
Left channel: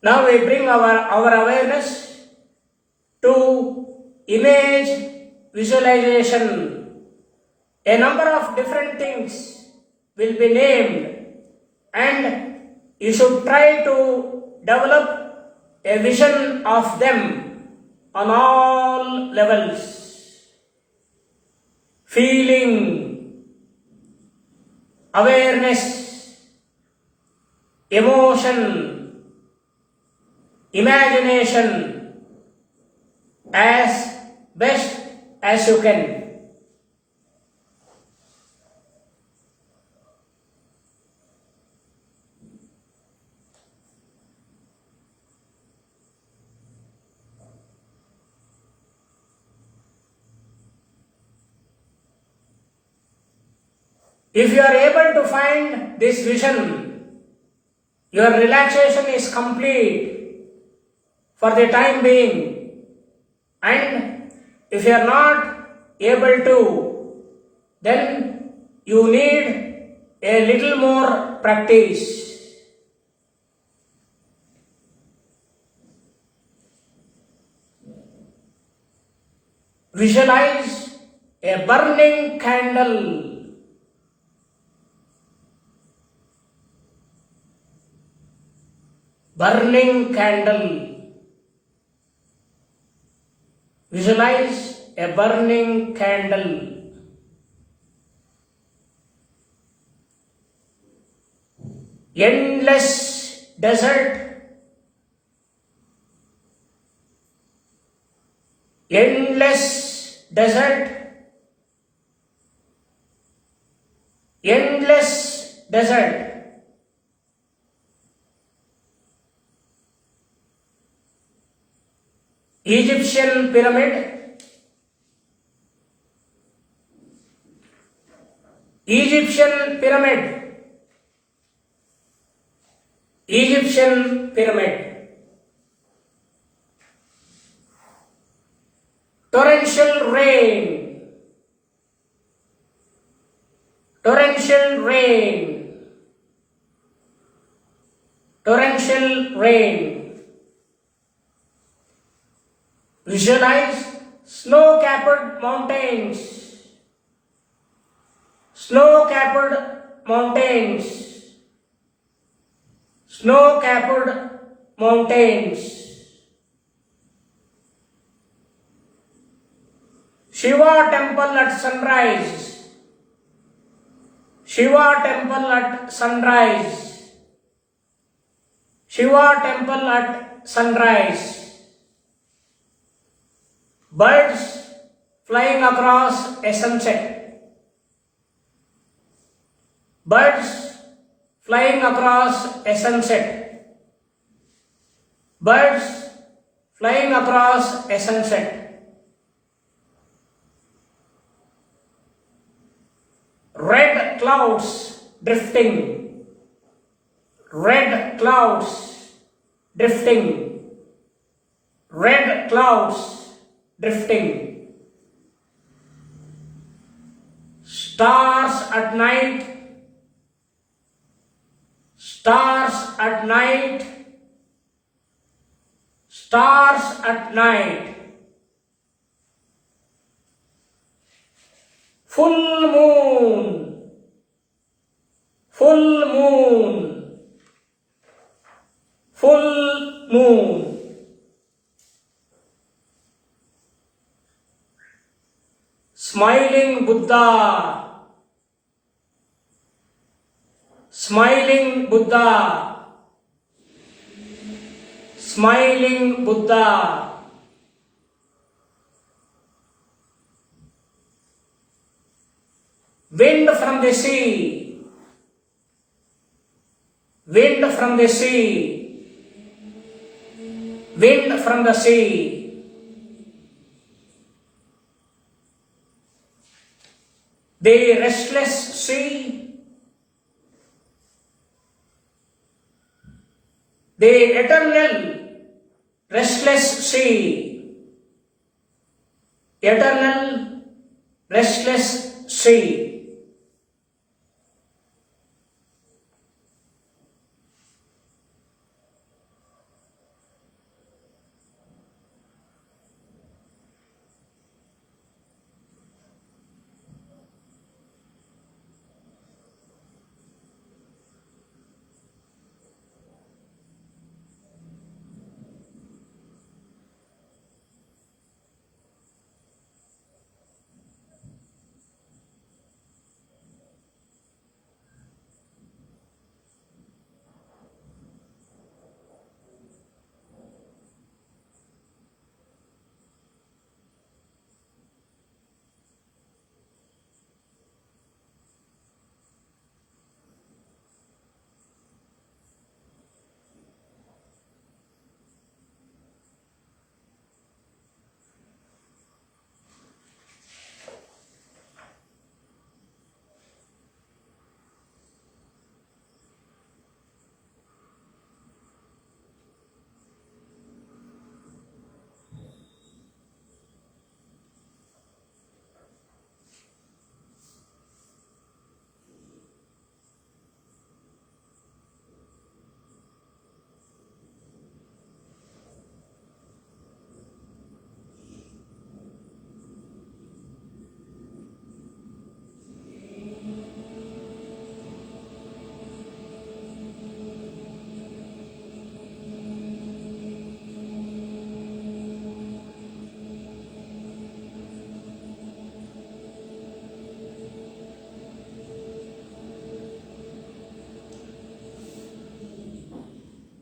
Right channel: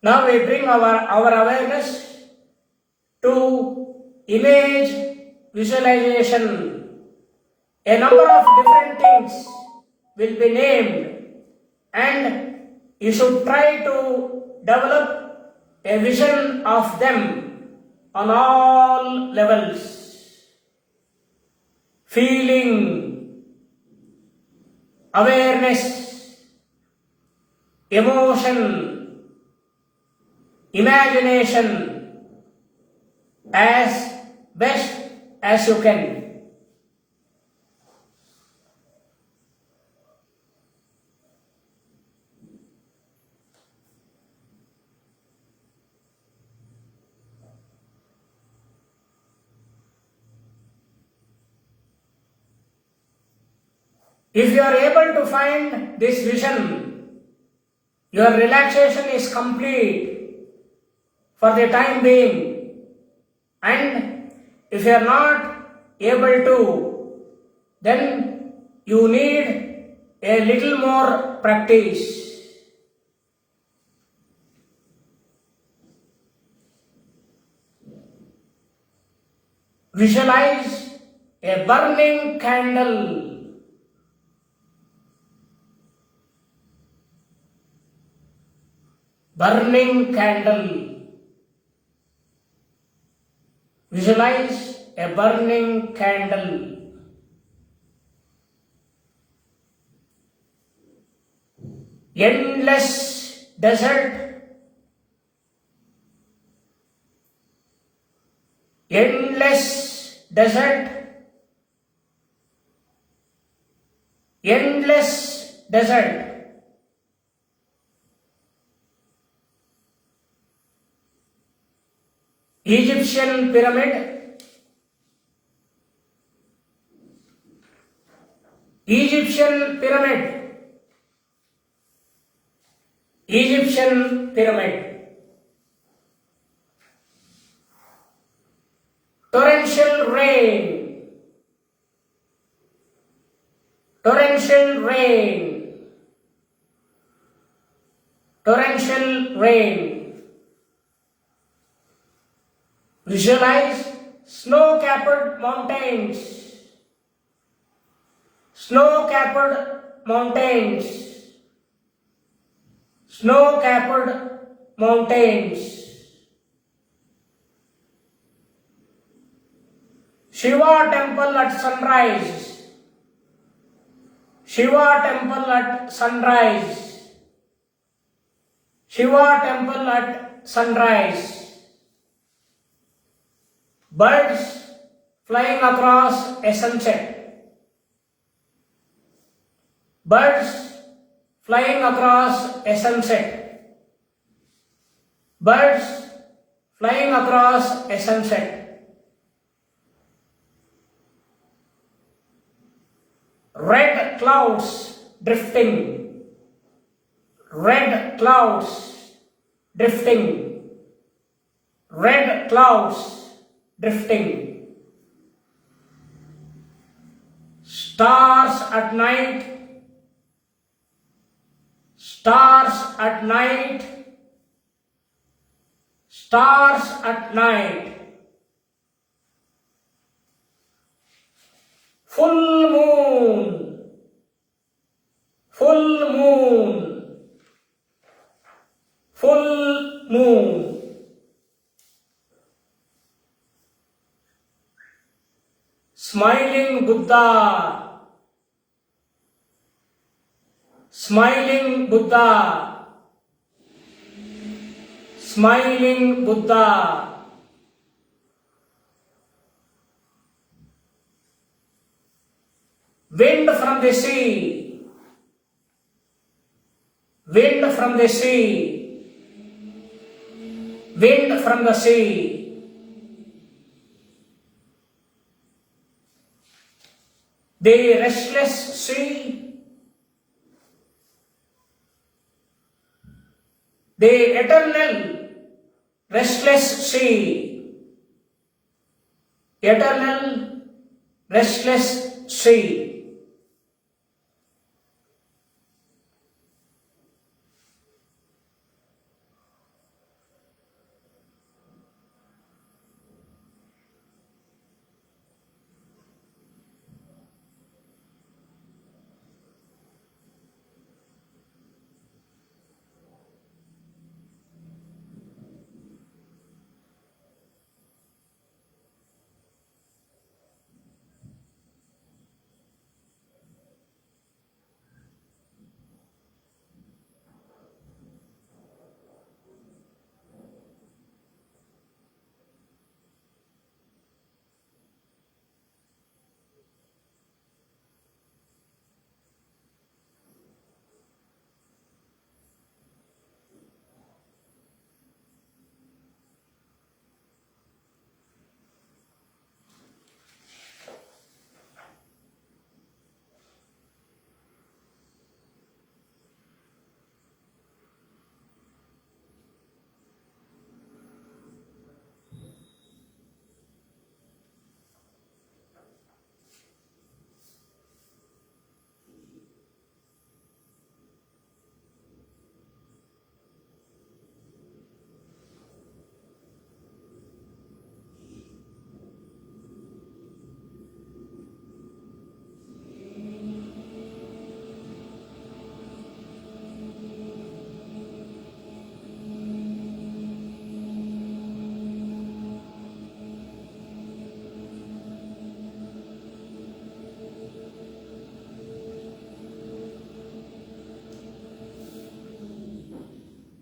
Now we bring our awareness to image visualization. A number of different things will be named, and you should try to develop a vision of them on all levels. Feeling, awareness, emotion, imagination, as best as you can. If you are able to find this vision, your relaxation is complete for the time being. And if you are not able to, then you need a little more practice. Visualize a burning candle. Burning candle. Visualize a burning candle. Endless desert. Endless desert. Endless desert. Egyptian pyramid, Egyptian pyramid, Egyptian pyramid. Torrential rain, torrential rain, torrential rain. Visualize snow-capped mountains, snow-capped mountains, snow-capped mountains. Shiva temple at sunrise, Shiva temple at sunrise, Shiva temple at sunrise. Birds flying across a sunset, birds flying across a sunset, birds flying across a sunset. Red clouds drifting, red clouds drifting, red clouds drifting. Stars at night, stars at night, stars at night. Full moon, full moon, full moon. Smiling Buddha, smiling Buddha, smiling Buddha. Wind from the sea, wind from the sea, wind from the sea. The restless sea, the eternal restless sea, eternal restless sea.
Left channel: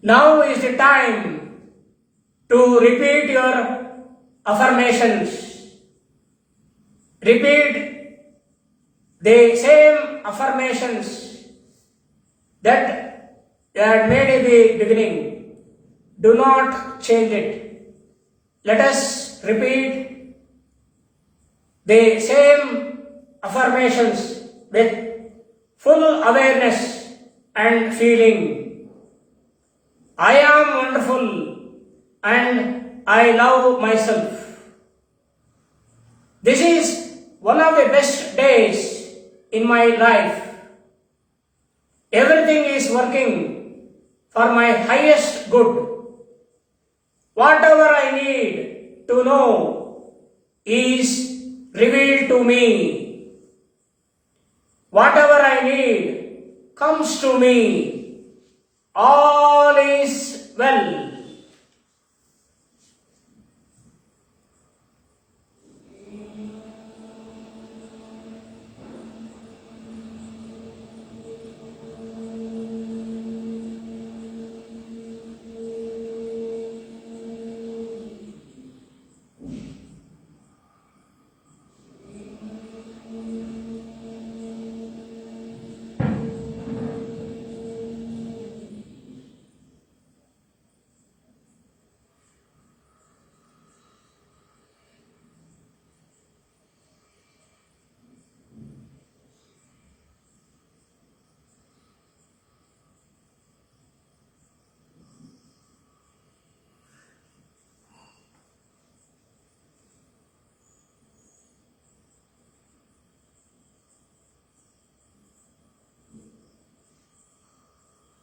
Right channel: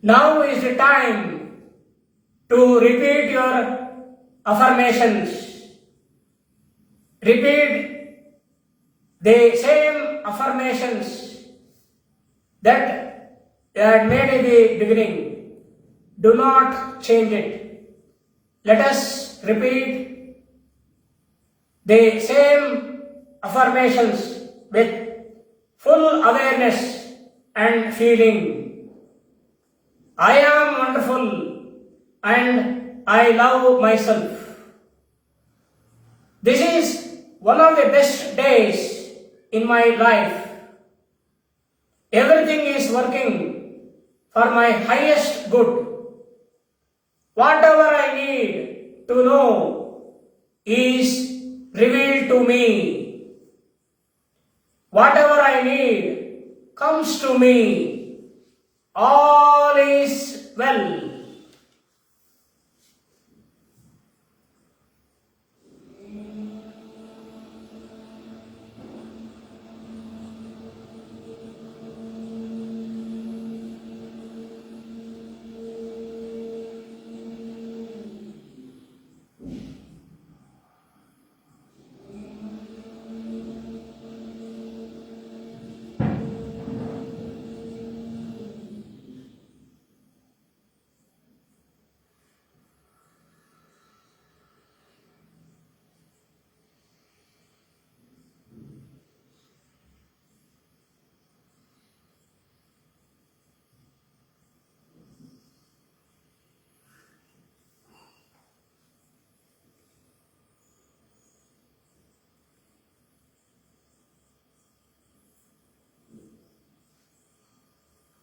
Now is the time to repeat your affirmations. Repeat the same affirmations that you had made in the beginning. Do not change it. Let us repeat the same affirmations with full awareness and feeling. I am wonderful and I love myself. This is one of the best days in my life. Everything is working for my highest good. Whatever I need to know is revealed to me. Whatever I need comes to me. All is well.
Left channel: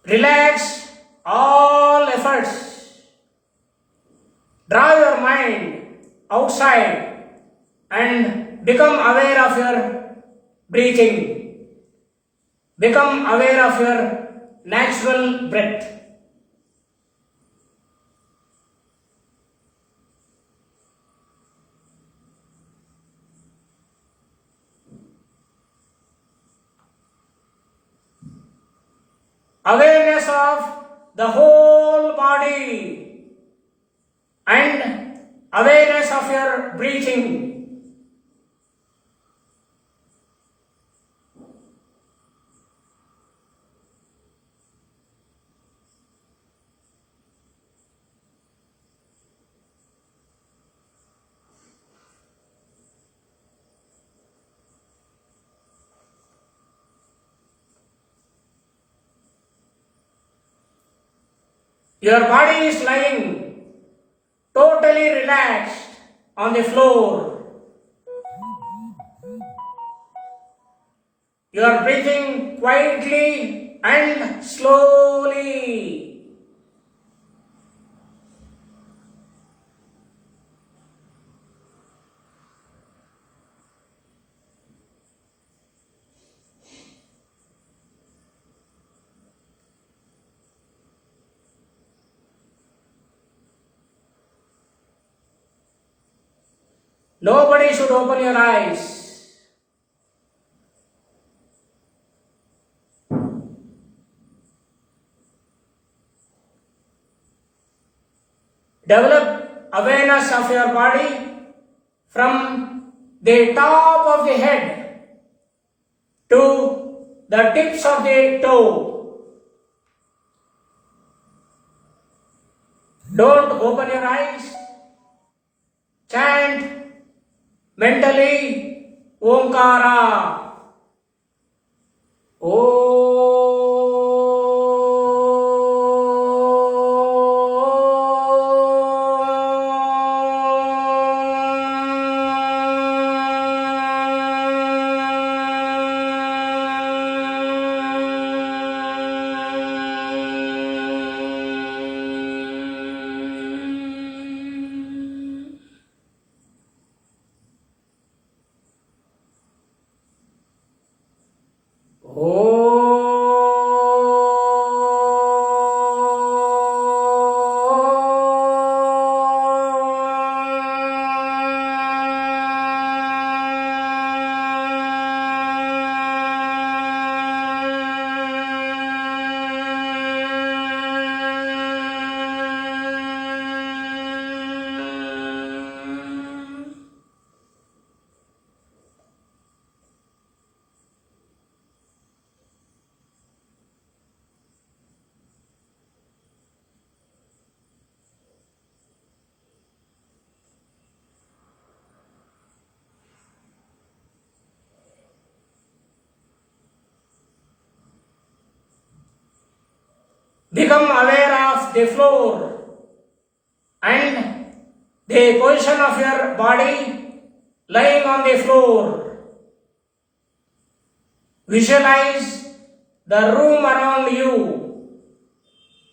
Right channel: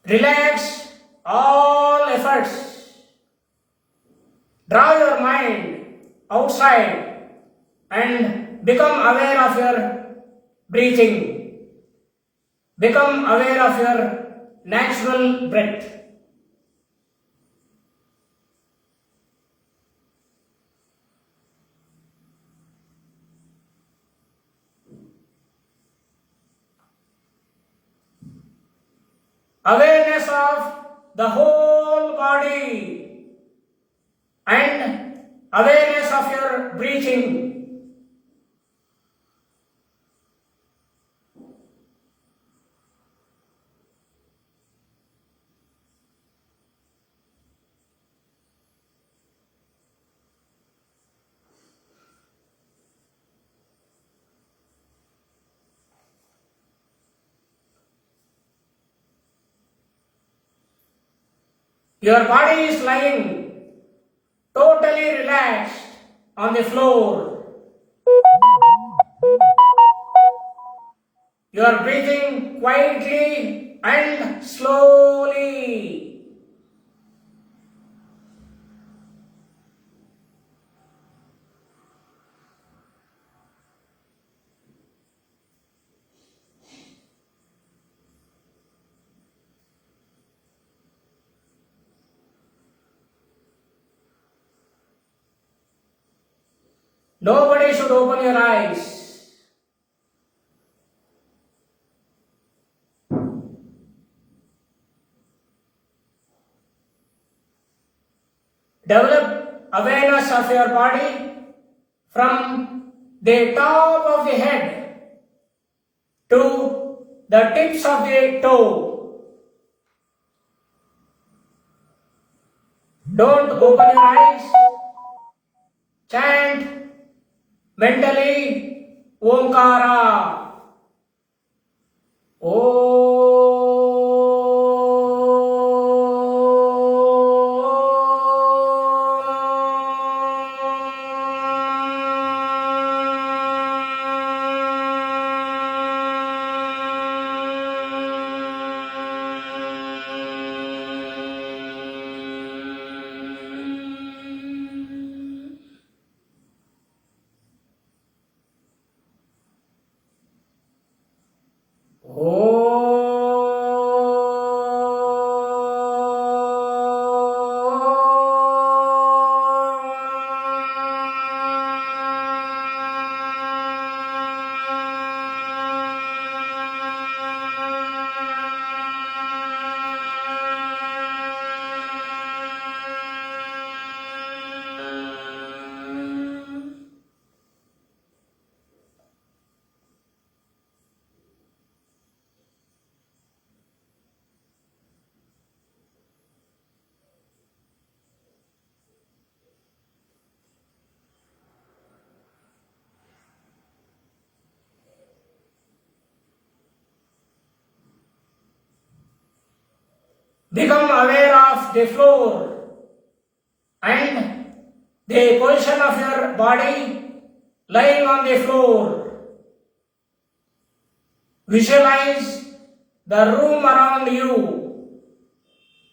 Relax all efforts. Draw your mind outside and become aware of your breathing. Become aware of your natural breath. Awareness of the whole body and awareness of your breathing. Your body is lying totally relaxed on the floor. You are breathing quietly and slowly. Nobody should open your eyes. Develop awareness of your body from the top of the head to the tips of the toe. Don't open your eyes. Chant mentally Omkara. Oh Become aware of the floor and the position of your body lying on the floor. Visualize the room around you.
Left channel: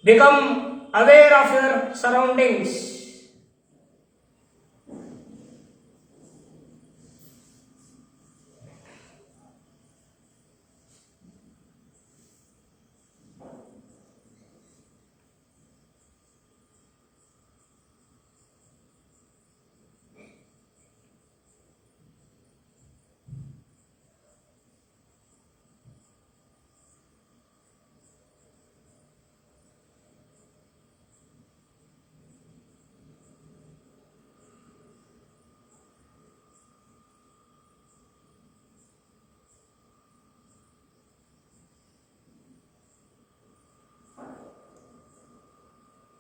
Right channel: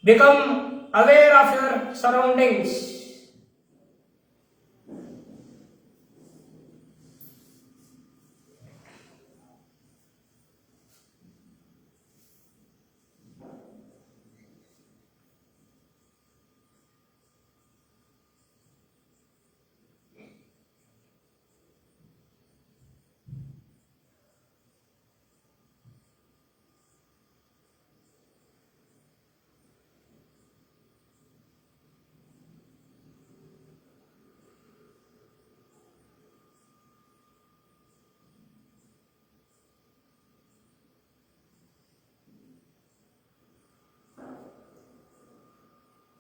Become aware of your surroundings.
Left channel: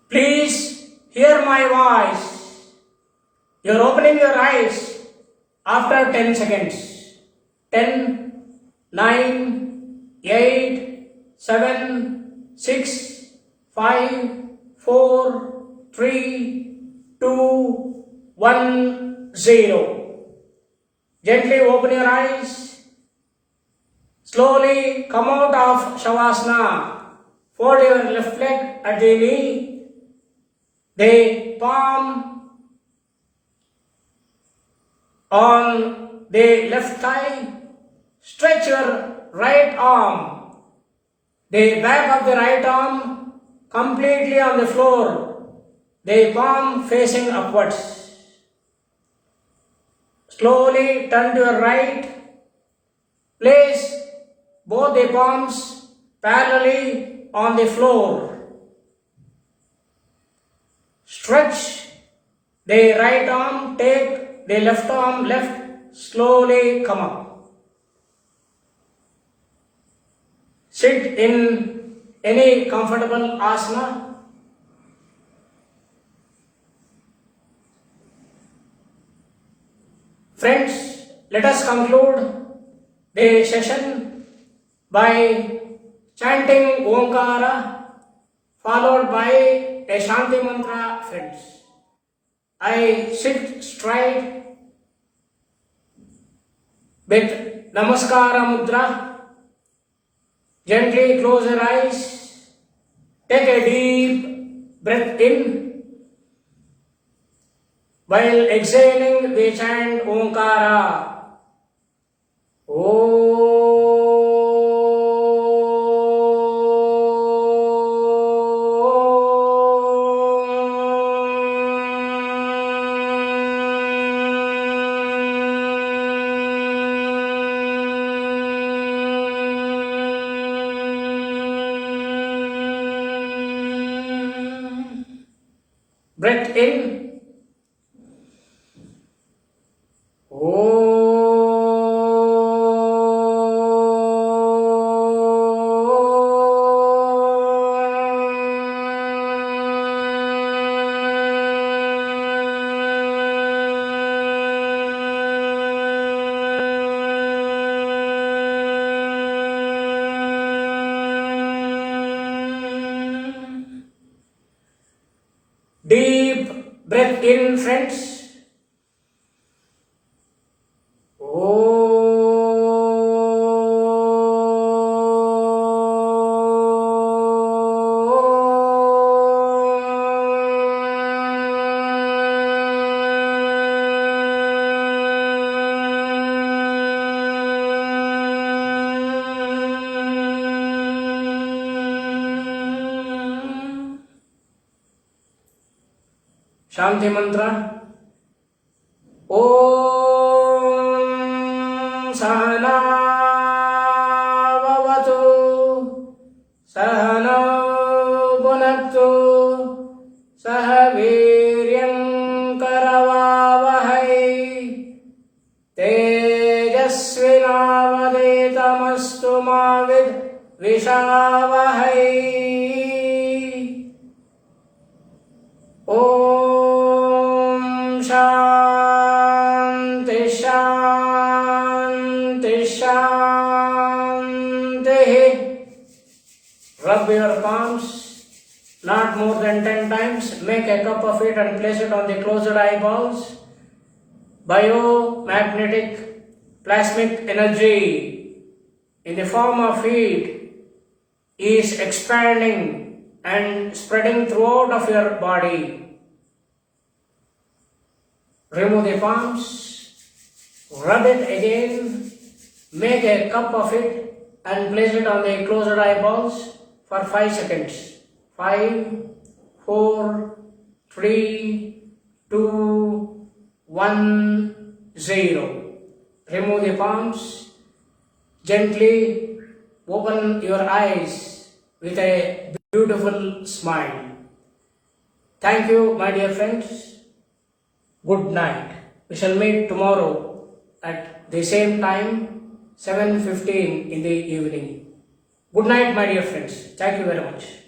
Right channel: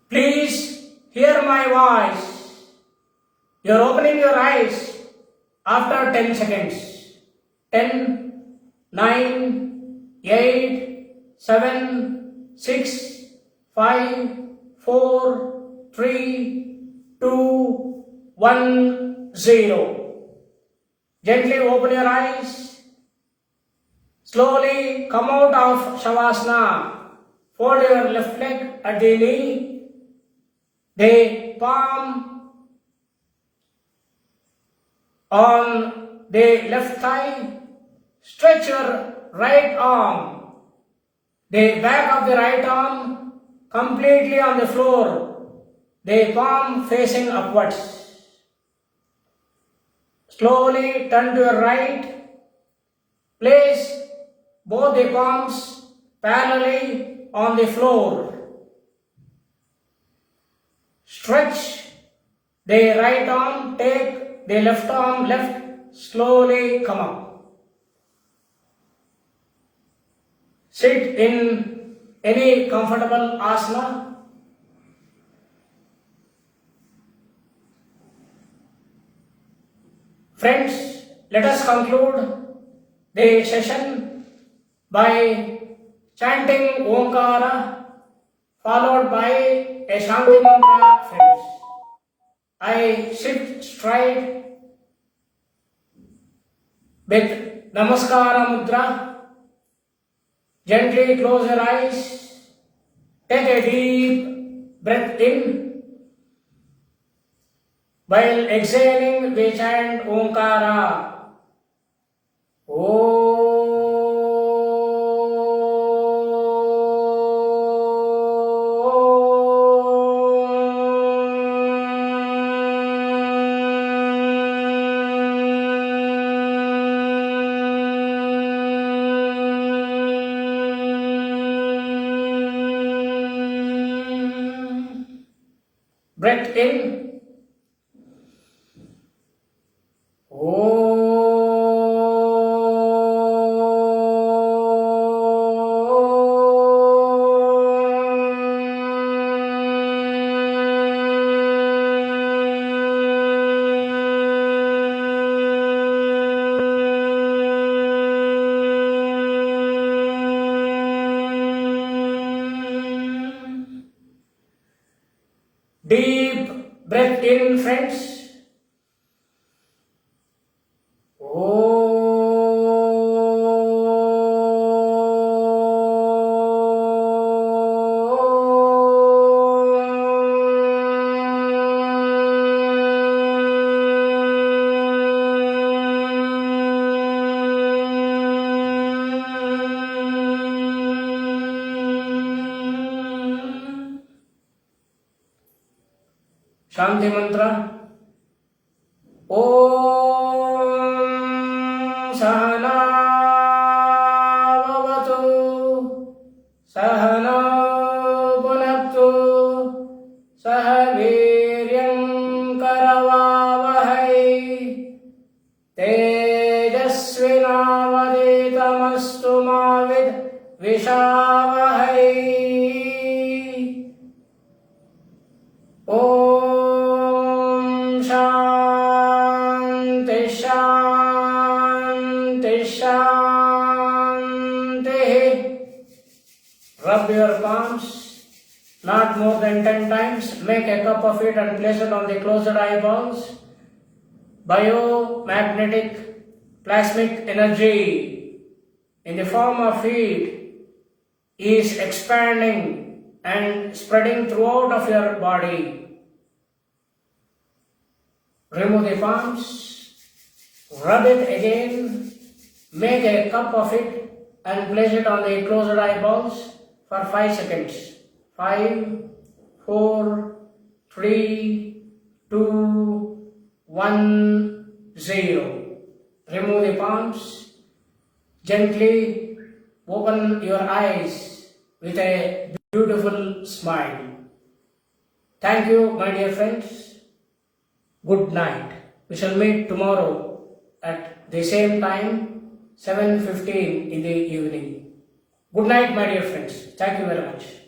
Please hear my voice. You're opening your eyes after 10 seconds. 10, 9, 8, 7, 6, 5, 4, 3, 2, 1, 0. Gently open your eyes. Slowly come out of Shavasana. Fold your left leg at the knee. The palm on the left thigh. Stretch your right arm. The back of the right arm completely on the floor. The palm facing upwards. Slowly turn to your right. Place both the palms parallelly on the floor. Stretch the right arm, take the left arm left, slowly come up. Sit in any comfortable asana. Friends, let us conclude the session by chanting Omkara followed by a Shanti mantra, friends. I sit straight with Namaskara Mudra. Gently close your eyes. Take a deep breath in. While exhaling, we chant Omkara. Breath in. Deep breath in, friends. Shanti mantra. Om Sahana Bhavatu Sahana Bhunaktu Sahaviryam Karavavahai Tejasvinavaditamastu Mavid Vishavahai. Shanti, Shanti, Shanti. Rub your palms. not more than 10 times. Make a cup of it and place it on the closed eyeballs. Biomagnetic plasmic energy in the form of heat is expanding and spreading throughout of your body. Remove the palms, rub it again, make a cup of it and place it on the closed eyeballs for 5 seconds. 5, 4, 3, 2, 1, 0. Remove the palms. Gently open your eyes with a beautiful smile. Thank you, my dear friends. Good night. We shall meet tomorrow at the same time, 7:15 in the evening. Good night, my dear friends. Thank you very much.